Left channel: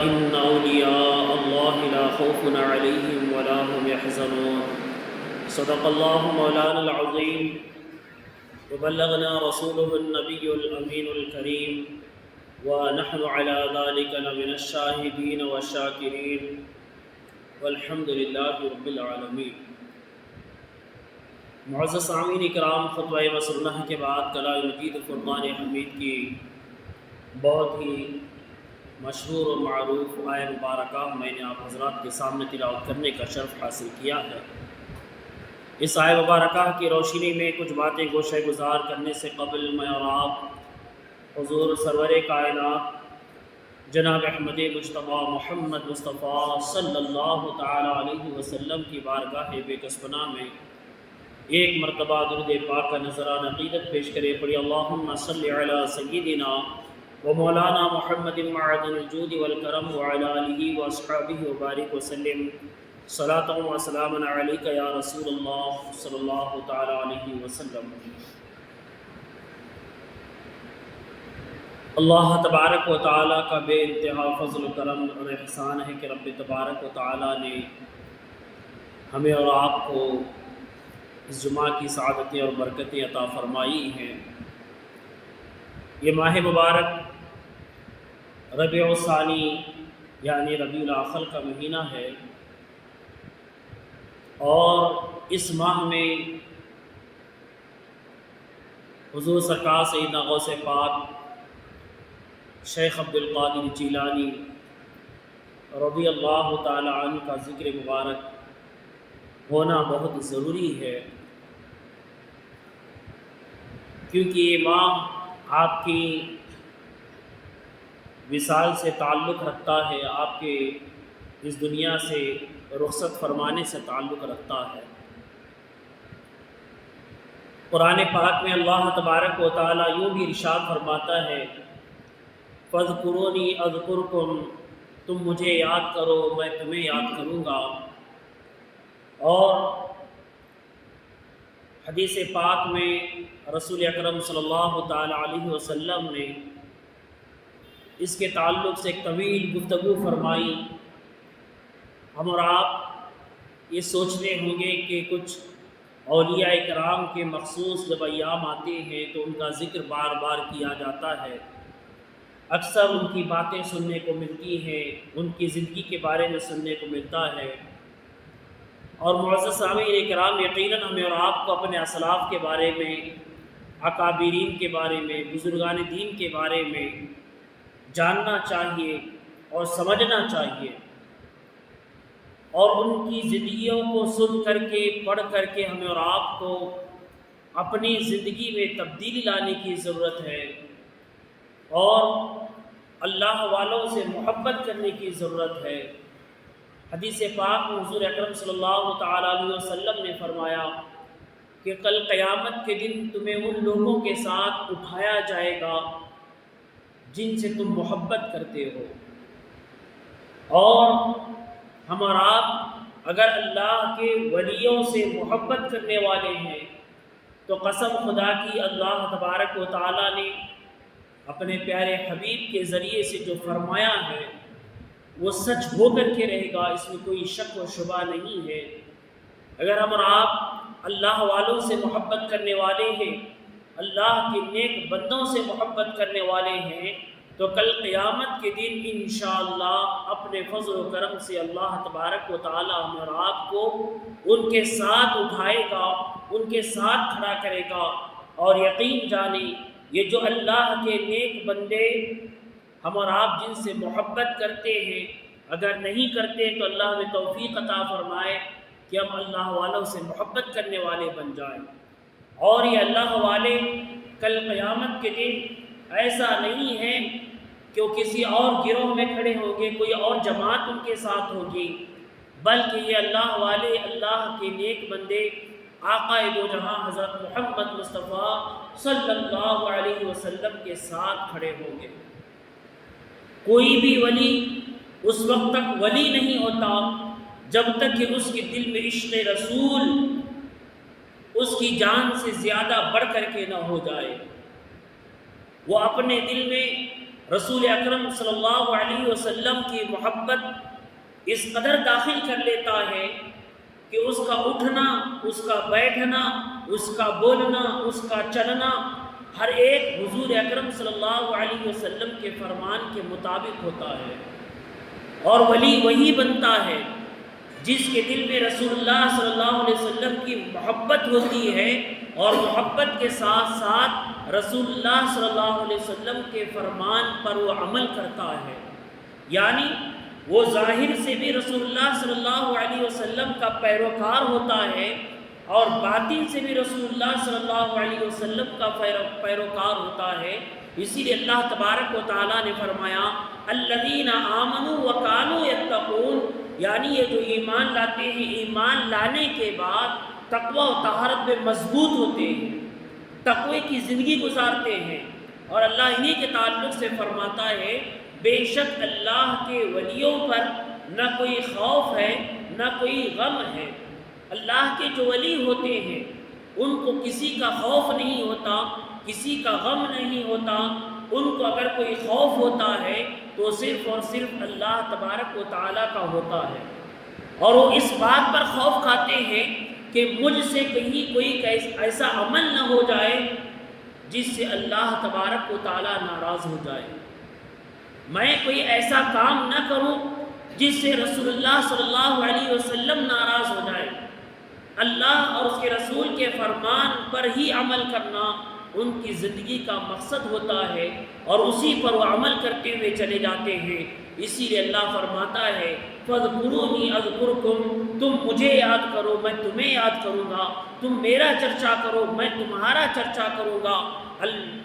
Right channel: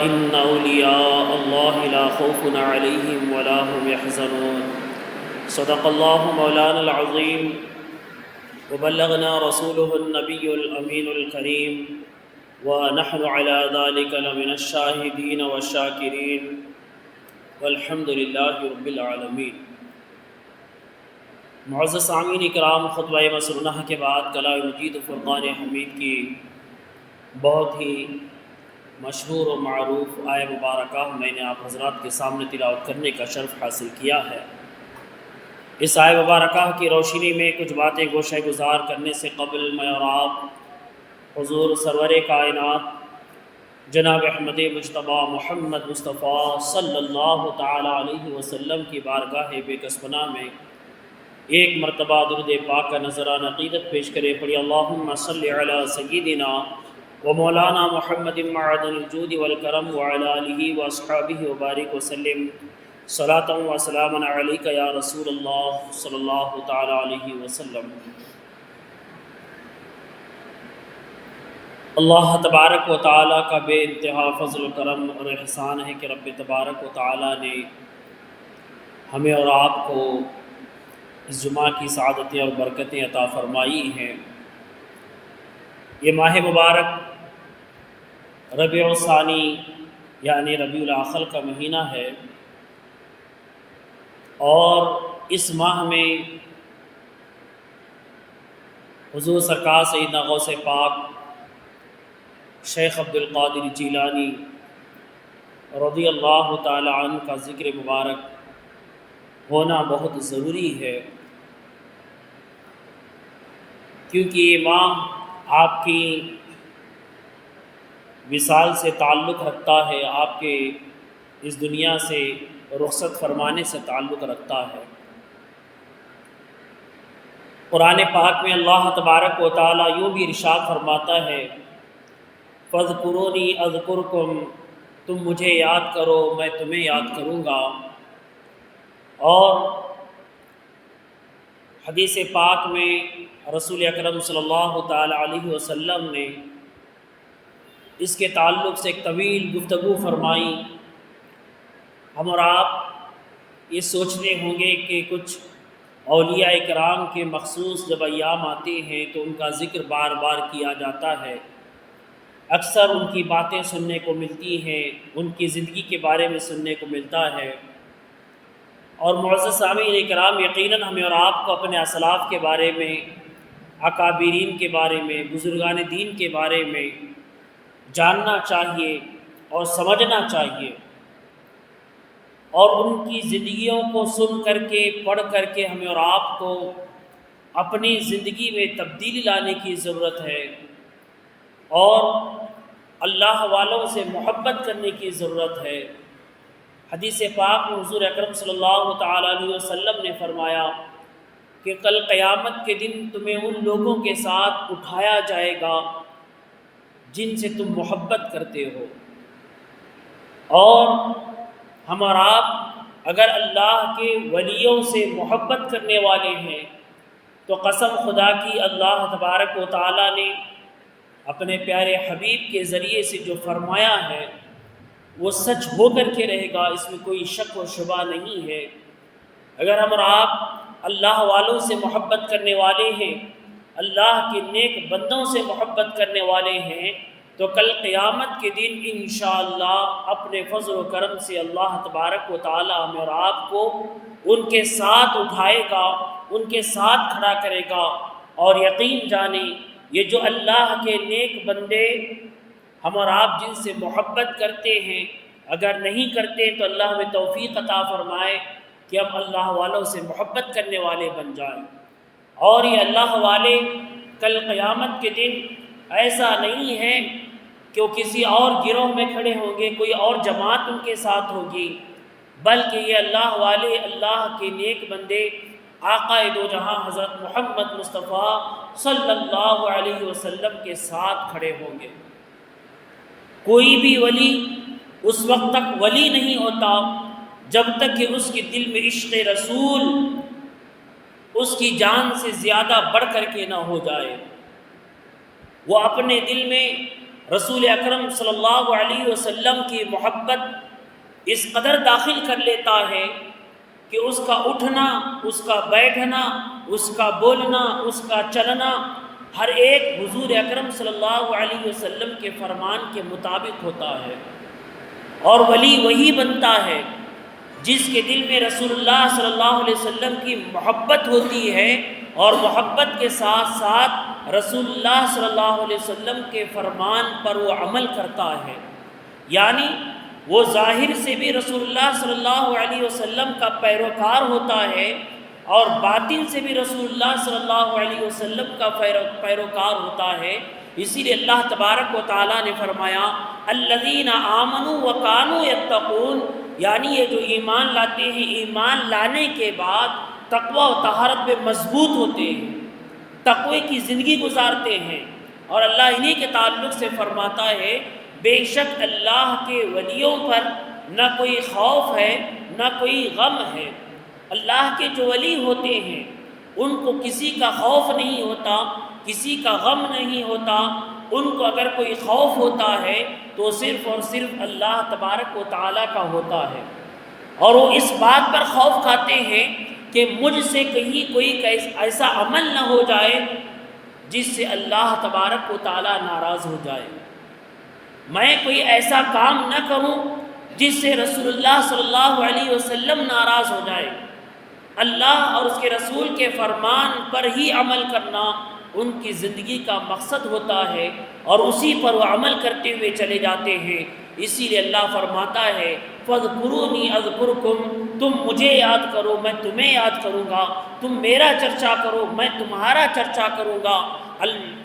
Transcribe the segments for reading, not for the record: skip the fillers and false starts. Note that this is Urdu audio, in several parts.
إن أولياء الله لا خوف عليهم ولا هم يحزنون صدق الله مولانا العظيم وبلغنا رسوله النبي الأمين الكريم ونحن على ذلك لمن الشاهدين والشاكرين والحمد لله رب العالمين۔ معزز سامعین اکرام، خطبہ مسرونہ کے بعد کلام مجید فرقان حمید کی بہت ہی مشہور و معروف آیہ مبارکہ میں نے آپ حضرات کے سامنے تلاوت کرنے کا شرف حاصل کیا ہے۔ اس آیہ مبارکہ کی روشنی میں کچھ باتیں گوشہ گزار کرنے سے قبل میں اور آپ حضور سرور کائنات جناب احمد مجتبیٰ محمد مصطفیٰ صلی اللہ تعالی علیہ وسلم کی بارگاہ بے کسبنا میں ایک مرتبہ درود پاک کا نذرانہ عقیدت پیش کرے۔ پڑھی اللہم صلی علی سیدنا و مولانا محمد معدن الجود والکرم وعلی آلہ واصحابہ وبارک وسلم صلاۃ و سلاما علیک یا رسول اللہ صلی اللہ تعالی علیہ وسلم۔ اللہ تبارک و تعالیٰ کا بے انتہا فضل و کرم اور احسان ہے کہ رب تبارک و تعالیٰ نے ہمیں اور آپ کو اس جمعہ کی سعادتیں اور برکتیں عطا فرمائی ہیں۔ یہ ماہ مبارک ربیع الثانی یعنی ربیع الاخر کا مہینہ ہے، اور اس ماہ میں حضور سرکار سیدنا غوث پاک شیخ عبد القادر جیلانی رضی اللہ تعالی عنہ کا ذکر مبارک ہونا بہت ضروری ہے، کیونکہ یہ ماہ آپ کی وصال سے تعلق رکھتا ہے، آپ کے اس دنیا سے رخصت فرمانے سے تعلق رکھتا ہے۔ قرآن پاک میں اللہ تبارک و تعالیٰ یوں بھی ارشاد فرماتا ہے فاذکرونی اذکرکم، تم مجھے یاد کرو میں تمہیں یاد کروں گا۔ اور حدیث پاک میں رسول اکرم صلی اللہ تعالی علیہ وسلم نے اس کے تعلق سے ایک طویل گفتگو فرمائی۔ ہم اور آپ یہ سوچتے ہوں گے کہ کچھ اولیاء کرام کے مخصوص جب ایام آتے ہیں تو ان کا ذکر بار بار کیا جاتا ہے، اکثر ان کی باتیں سننے کو ملتی ہیں، ان کی زندگی کے بارے میں سننے کو ملتا ہے۔ اور معزز سامعین کرام، یقیناً ہمیں اور آپ کو اپنے اسلاف کے بارے میں، اکابرین کے بارے میں، بزرگان دین کے بارے میں جاننا چاہیے اور سمجھنا چاہیے، اور ان کی زندگیوں کو سن کر کے پڑھ کر کے ہمیں اور آپ کو اپنی زندگی میں تبدیلی لانے کی ضرورت ہے، اور اللہ والوں سے محبت کرنے کی ضرورت ہے۔ حدیث پاک میں حضور اکرم صلی اللہ تعالی علیہ وسلم نے فرمایا کہ کل قیامت کے دن تمہیں ان لوگوں کے ساتھ اٹھایا جائے گا جن سے تم محبت کرتے ہو، اور ہم اور آپ اگر اللہ کے ولیوں سے محبت کرنے والے ہیں تو قسم خدا کی اللہ تبارک و تعالیٰ نے اپنے پیارے حبیب کے ذریعے سے جو فرمایا ہے وہ سچ ہو کر کے رہے گا، اس میں کوئی شک و شبہ نہیں ہے۔ اگر ہم اور آپ اللہ والوں سے محبت کرنے والے ہیں، اللہ کے نیک بندوں سے محبت کرنے والے ہیں، تو کل قیامت کے دن انشاءاللہ اپنے فضل و کرم سے اللہ تبارک و تعالی ہمیں اور آپ کو ان کے ساتھ اٹھائے گا، ان کے ساتھ کھڑا کرے گا۔ اور یقین جانیں یہ جو اللہ کے نیک بندے ہم اور آپ جن سے محبت کرتے ہیں، اگر نہیں کرتے تو اللہ ہمیں توفیق عطا فرمائے کہ ہم اللہ والوں سے محبت کرنے والے بن جائیں۔ اور یہ اللہ والے کل قیامت کے دن ایسا نہیں ہے کہ وہ کسی اور گروہ میں کھڑے ہوں گے، کوئی اور جماعت ان کے ساتھ ہوگی، بلکہ یہ اللہ والے اللہ کے نیک بندے آقا دو جہاں حضرت محمد مصطفیٰ صلی اللہ علیہ وسلم کے ساتھ کھڑے ہوں گے۔ کوئی بھی ولی اس وقت تک ولی نہیں ہوتا جب تک کہ اس کے دل میں عشق رسول اس کی جان سے زیادہ بڑھ کر کے نہ ہو جائے۔ وہ اپنے دل میں رسول اکرم صلی اللہ علیہ وسلم کی محبت اس قدر داخل کر لیتا ہے کہ اس کا اٹھنا، اس کا بیٹھنا، اس کا بولنا، اس کا چلنا ہر ایک حضور اکرم صلی اللہ علیہ وسلم کے فرمان کے مطابق ہوتا ہے۔ اور ولی وہی بنتا ہے جس کے دل میں رسول اللہ صلی اللہ علیہ وسلم کی محبت ہوتی ہے اور محبت کے ساتھ ساتھ رسول اللہ صلی اللہ علیہ وسلم کے فرمان پر وہ عمل کرتا ہے، یعنی وہ ظاہر سے بھی رسول اللہ صلی اللہ علیہ وسلم کا پیروکار ہوتا ہے اور باطن سے بھی رسول اللہ صلی اللہ علیہ وسلم کا پیروکار ہوتا ہے۔ اسی لیے اللہ تبارک و تعالیٰ نے فرمایا الذین آمنوا وکانوا یتقون، یعنی یہ جو ایمان لاتے ہیں، ایمان لانے کے بعد تقوی و طہارت میں مضبوط ہوتے ہیں، تقوی کی زندگی گزارتے ہیں۔ اور اللہ انہی کے تعلق سے فرماتا ہے بے شک اللہ کے ولیوں پر نہ کوئی خوف ہے نہ کوئی غم ہے۔ اللہ کے جو ولی ہوتے ہیں ان کو کسی کا خوف نہیں ہوتا، کسی کا غم نہیں ہوتا۔ ان کو اگر کوئی خوف ہوتا ہے تو صرف اور صرف اللہ تبارک و تعالیٰ کا ہوتا ہے، اور وہ اس بات پر خوف کھاتے ہیں کہ مجھ سے کہیں کوئی ایسا عمل نہ ہو جائے جس سے اللہ تبارک و تعالیٰ ناراض ہو جائے، میں کوئی ایسا کام نہ کروں جس سے رسول اللہ صلی اللہ علیہ وسلم ناراض ہو جائے۔ اللہ اور اس کے رسول کے فرمان پر ہی عمل کرنا ان کی زندگی کا مقصد ہوتا ہے اور اسی پر وہ عمل کرتے ہوئے چلے جاتے ہیں۔ اسی لیے اللہ فرماتا ہے فاذکرونی اذکرکم، تم مجھے یاد کرو میں تمہیں یاد کروں گا، تم میرا چرچا کرو میں تمہارا چرچا کروں گا۔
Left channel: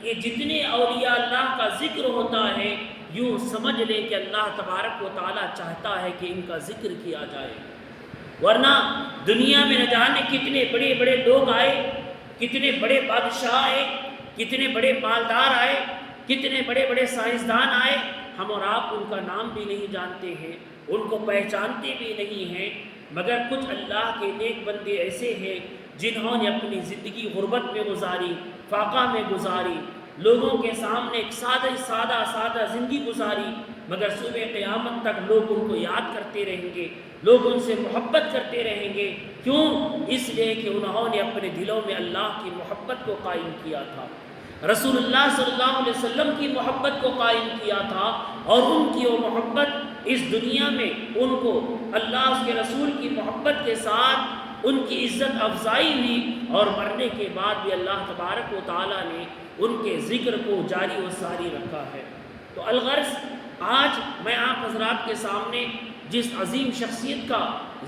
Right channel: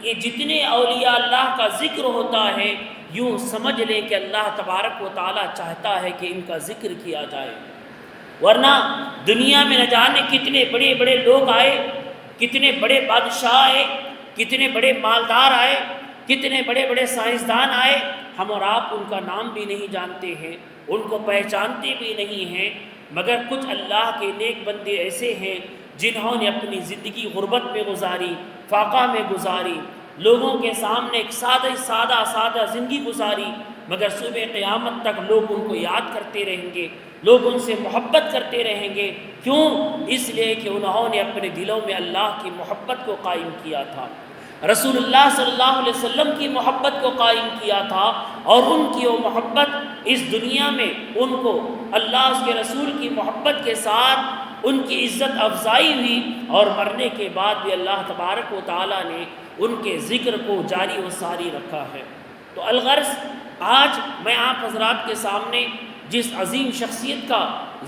یہ جتنے اولیاء اللہ کا ذکر ہوتا ہے یوں سمجھ لیں کہ اللہ تبارک و تعالیٰ چاہتا ہے کہ ان کا ذکر کیا جائے، ورنہ دنیا میں نہ جانے کتنے بڑے بڑے لوگ آئے، کتنے بڑے بادشاہ آئے، کتنے بڑے مالدار آئے، کتنے بڑے بڑے سائنسدان آئے، ہم اور آپ ان کا نام بھی نہیں جانتے ہیں، ان کو پہچانتے بھی نہیں ہیں، مگر کچھ اللہ کے نیک بندے ایسے ہیں جنہوں نے اپنی زندگی غربت میں گزاری، فاقہ میں گزاری، لوگوں کے سامنے ایک سادہ زندگی گزاری، مگر صبح قیامت تک لوگ ان کو یاد کرتے رہیں گے، لوگ ان سے محبت کرتے رہیں گے۔ کیوں؟ اس لیے کہ انہوں نے اپنے دلوں میں اللہ کی محبت کو قائم کیا تھا، رسول اللہ صلی اللہ علیہ وسلم کی محبت کو قائم کیا تھا، اور ان کی وہ محبت اس دنیا میں ان کو اللہ اس کے رسول کی محبت کے ساتھ ان کی عزت افزائی ہوئی، اور مرنے کے بعد بھی اللہ تبارک و تعالیٰ نے ان کے ذکر کو جاری و ساری رکھا ہے۔ تو الغرض آج میں آپ حضرات کے سامنے جس عظیم شخصیت کا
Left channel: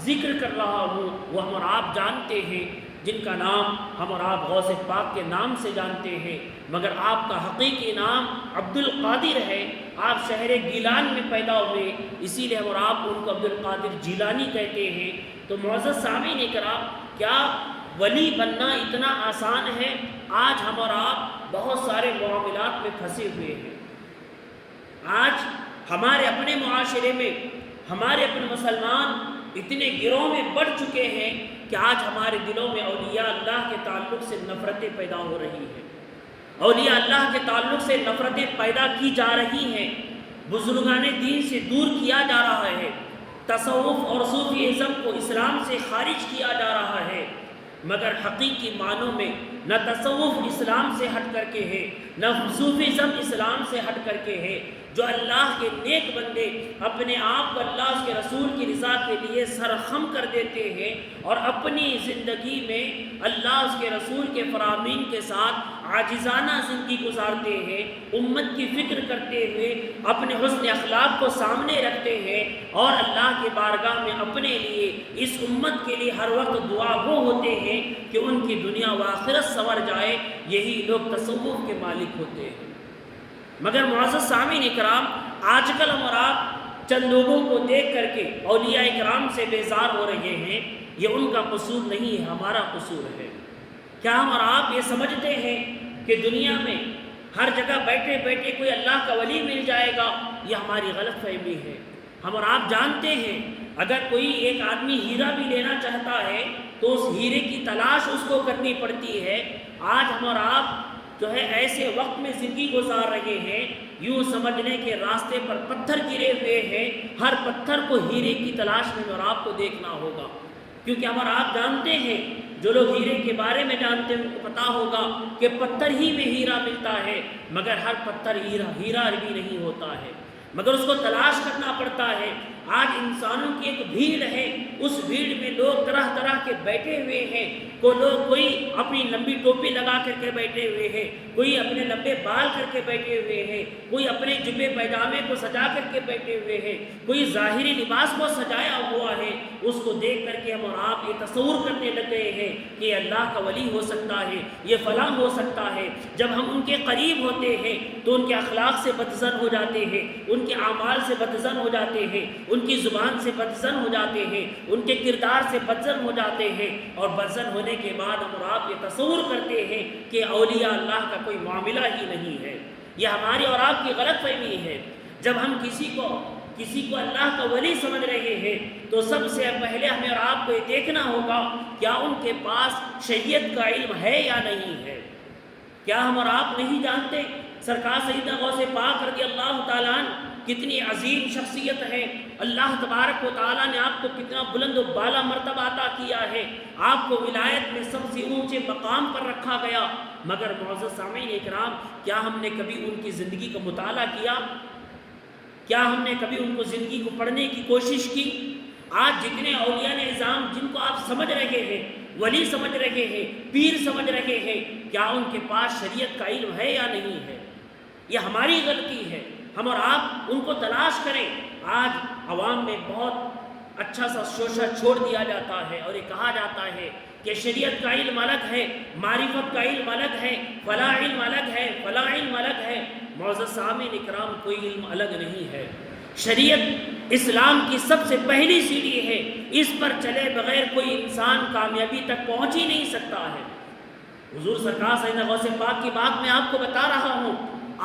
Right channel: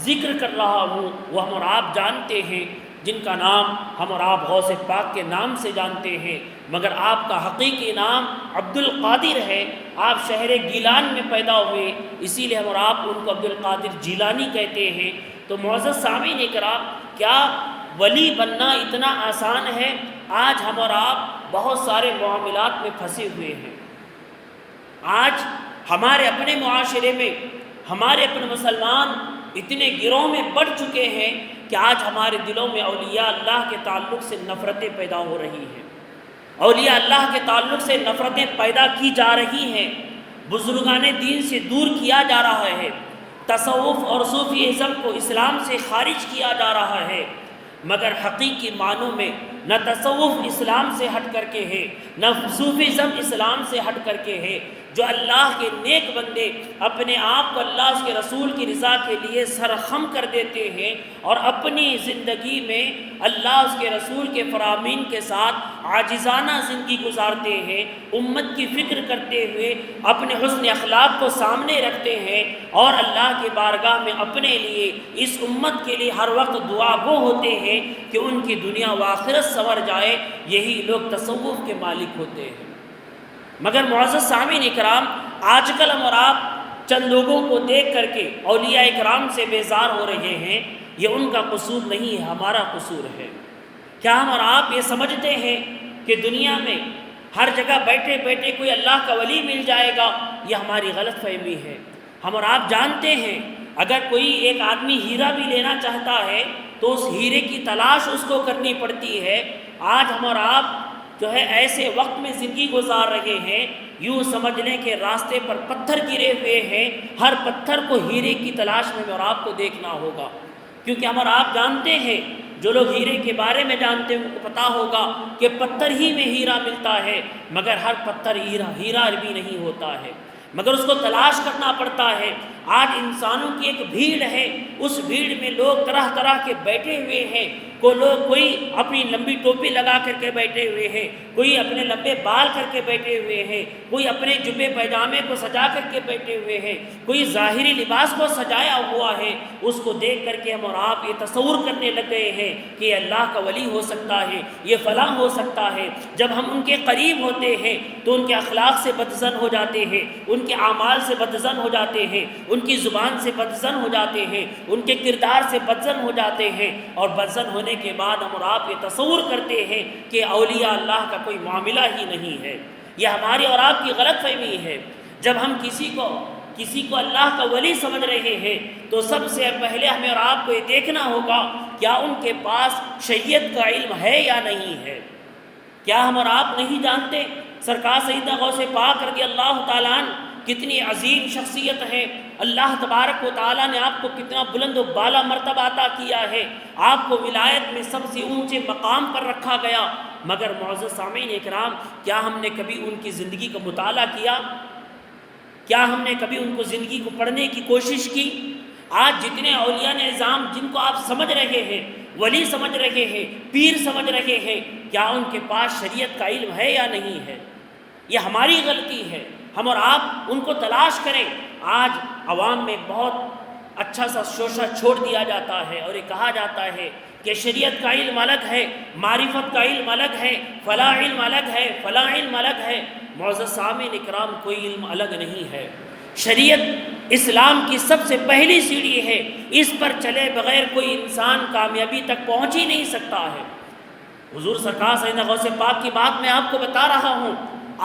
ذکر کر رہا ہوں وہ ہم اور آپ جانتے ہیں، جن کا نام ہم اور آپ غوث پاک کے نام سے جانتے ہیں، مگر آپ کا حقیقی نام عبد القادر ہے۔ آپ شہر گیلان میں پیدا ہوئے، اسی لیے ہم اور آپ ان کو عبد القادر جیلانی کہتے ہیں۔ تو معزز سامعین کرام، کیا ولی بننا اتنا آسان ہے؟ آج ہم اور آپ بہت سارے معاملات میں پھنسے ہوئے ہیں۔ آج ہمارے اپنے معاشرے میں ہمارے اپنے مسلمان اتنے گروہ میں بڑھ چکے ہیں کہ آج ہمارے دلوں میں اولیاء اللہ کے تعلق سے نفرتیں پیدا ہو رہی ہیں، اولیاء اللہ کے تعلق سے نفرتیں پیدا کی جا رہی ہیں، بزرگان دین سے دور کیا جا رہا ہے، تصوف اور صوفیزم کو اسلام سے خارج کیا جا رہا ہے، مگر حقیقی معنوں میں نہ تصوف اسلام سے ہٹ کر کے ہے، نہ صوفیزم اسلام سے ہٹ کر کے ہے۔ جو اللہ کے نیک بندے اپنے آپ کو اللہ اس کے رسول کی رضا کے لیے سرخم کر دیتے ہیں اور اپنی زندگی میں اللہ اس کے رسول کے فرامین کے ساتھ عاجزانہ زندگی گزارتے ہیں، امت کی فکر کرتے ہوئے اپنے حسن اخلاق کو سامنے رکھتے ہیں اور اللہ کی بارگاہ میں اپنے لیے اس امت کے لیے ہر وقت دعا گو ہوتے ہیں کہ ان کی دنیا و آخرت سنور جائے، یہی لوگ تصوف کے مالک ہوتے ہیں۔ مگر معزز سامعین اکرام، آج کل ہم اور آپ چند لوگوں کو دیکھ کر کے اولیاء اکرام سے بیزار ہو رہے ہیں، یہ ان کا قصور نہیں ہے، ہمارا قصور ہے۔ کیا ہم اور آپ یہ سمجھتے ہیں کہ دنیا میں ہر جگہ بیٹھے بیٹھے کوئی اللہ کا ولی مل جائے گا؟ یہ ہماری غلط فہمی ہے۔ ہم اور آپ جانتے ہیں اگر کوئی ایک آدمی ہیرا بھی لینا چاہتا ہے تو اس ہیرے کی تلاش اس کو کرنی پڑتی ہے۔ آج ہم اور آپ جو ہے ایسے وقت میں زندگی گزار رہے ہیں یوں سمجھ لیں کہ راستے پر پتھر گرے ہوئے ہیں، ہر پتھر کو ہیرے کی تلاش میں اور آپ کو دیکھنا ہوگا، کیونکہ ہم اور آپ جانتے ہیں، جو لوگ ہیرے کے بارے میں جانتے ہیں ان کو پتہ ہوگا کہ پتھر ہی میں ہیرا ملتا ہے، مگر ہر پتھر ہیرا بھی نہیں ہوتا ہے، مگر اس کو تلاش کرنا پڑتا ہے۔ آج انسانوں کی ایک بھیڑ ہے، اس بھیڑ میں لوگ طرح طرح کے بیٹھے ہوئے ہیں، کوئی اپنی لمبی ٹوپی لگا کر کے بیٹھے ہوئے ہیں، کوئی اپنے لمبے بال کر کے بیٹھے ہوئے ہیں، کوئی اپنے جبے پیجامے کو سجا کر کے بیٹھے ہوئے ہیں، کوئی ظاہری لباس کو سجایا ہوا ہے۔ اس کو دیکھ کر کے ہم اور آپ یہ تصور کرنے لگ گئے ہیں کہ یہ اللہ کا ولی ہو سکتا ہے، یہ فلاں ہو سکتا ہے۔ جب ہم ان کے قریب ہوتے ہیں تو ان کے اخلاق سے بدظن ہو جاتے ہیں، ان کے اعمال سے بدظن ہو جاتے ہیں، ان کی زبان سے بدظن ہو جاتے ہیں، ان کے کردار سے بدظن ہو جاتے ہیں، اور بدظن ہونے کے بعد ہم اور آپ یہ تصور کرتے ہیں کہ اولیاء اللہ کا کوئی معاملہ ہی نہیں ہے۔ یہ ہماری اور آپ کی غلط فہمی ہے۔ جب ہم کسی کو اللہ کا ولی سمجھ رہے ہیں تو سب سے پہلے ہمیں اور آپ کو یہ دیکھنا ہوگا کیا ان کے پاس شریعت کا علم ہے یا نہیں ہے۔ کیا ہم اور آپ نہیں جانتے سرکار سیدنا غوث پاک رضی اللہ تعالیٰ عنہ کتنی عظیم شخصیت ہے، اللہ تبارک و تعالیٰ نے آپ کو کتنا بلند و بالا مرتبہ عطا کیا ہے، آپ کو ولایت میں سب سے اونچے مقام پر رکھا گیا، مگر معزز سامعین اکرام، کیا ہم نے کبھی ان کی زندگی کا مطالعہ کیا؟ کیا ہم نے کبھی ان کو زندگی کو پڑھنے کی کوشش کی؟ آج جتنے اولیاء نظام جن کو آپ سمجھ رہے ہیں، ولی سمجھ رہے ہیں، پیر سمجھ رہے ہیں، کیا ان کے پاس شریعت کا علم ہے یا نہیں ہے؟ یہ ہماری غلطی ہے، ہم اور آپ ان کو تلاش کریں۔ آج عوام میں بہت اچھا سا شوشہ چھوڑ دیا جاتا ہے اور یہ کہا جاتا ہے کہ شریعت کا علم الگ ہے، معرفت کا علم الگ ہے، فلاں علم الگ ہے، فلاں علم الگ ہے۔ معزز سامعین اکرام، کوئی علم الگ نہیں ہے۔ شریعت اسلام کی سب سے پہلی سیڑھی ہے، اس پر چلے بغیر کوئی انسان کامیابی تک پہنچ ہی نہیں سکتا ہے۔ حضور سرکار سیدنا غوث پاک کی بات میں آپ کو بتا رہا ہوں،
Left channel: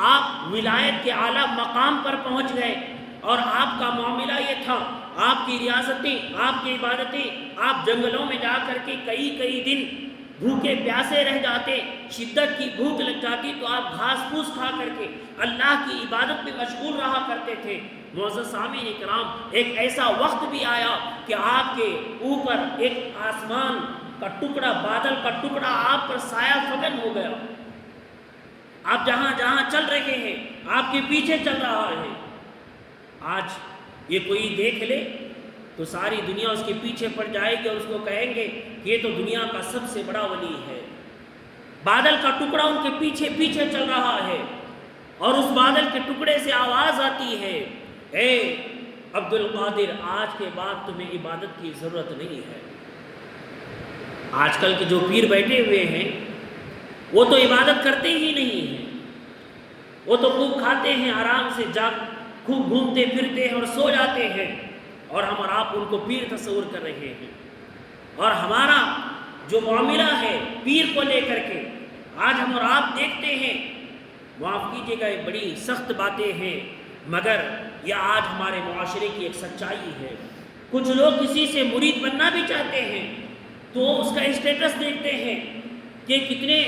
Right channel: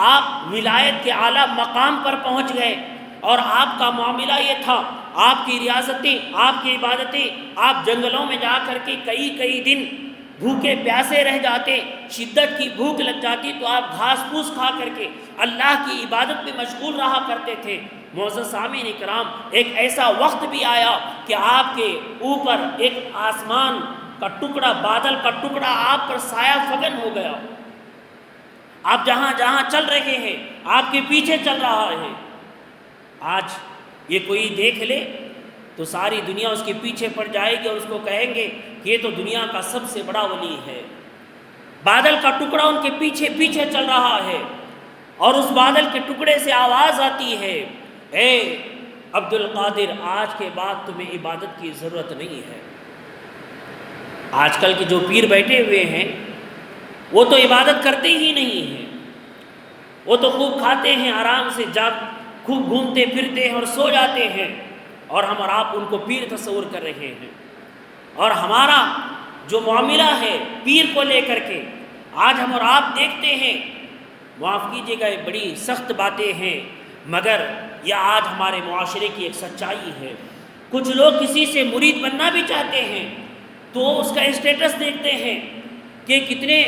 آپ ولایت کے اعلیٰ مقام پر پہنچ گئے اور آپ کا معاملہ یہ تھا، آپ کی ریاستیں، آپ کی عبادتیں، آپ جنگلوں میں جا کر کے کئی دن بھوکے پیاسے رہ جاتے، شدت کی بھوک لگ جاتی تو آپ گھاس پھوس کھا کر کے اللہ کی عبادت میں مشغول رہا کرتے تھے۔ معزز سامعین اکرام، ایک ایسا وقت بھی آیا کہ آپ کے اوپر ایک آسمان کا ٹکڑا، بادل کا ٹکڑا آپ پر سایہ فگن ہو گیا، آپ جہاں جہاں چل رہے ہیں آپ کے پیچھے چل رہا ہے۔ آج یہ کوئی دیکھ لے تو ساری دنیا اس کے پیچھے پڑ جائے گی اور اس کو کہیں گے کہ یہ تو دنیا کا سب سے بڑا ولی ہے۔ بادل کا ٹکڑا ان کے پیچھے پیچھے چل رہا ہے اور اس بادل کے ٹکڑے سے آواز آتی ہے، اے عبد القادر، آج کے بعد تمہیں عبادت کی ضرورت نہیں ہے۔ آج کل کے جو پیر بیٹھے ہوئے ہیں وہ تو عبادت کرتے ہی نہیں ہیں، وہ تو خوب کھاتے ہیں، آرام سے خوب گھومتے پھرتے ہیں اور سو جاتے ہیں، اور ہم اور آپ ان کو پیر تصور کر رہے ہیں۔ اور ہمارا جو معاملہ ہے پیر کو لے کر کے، آج ہم اور آپ دیکھتے ہیں، معاف کیجیے گا یہ بڑی سخت باتیں ہیں، مگر یہ آج ہمارے معاشرے کی ایک سچائی ہے۔ کچھ لوگ کسی سے مرید بننا بھی چاہتے ہیں تو اس کا اسٹیٹس دیکھتے ہیں کہ کتنے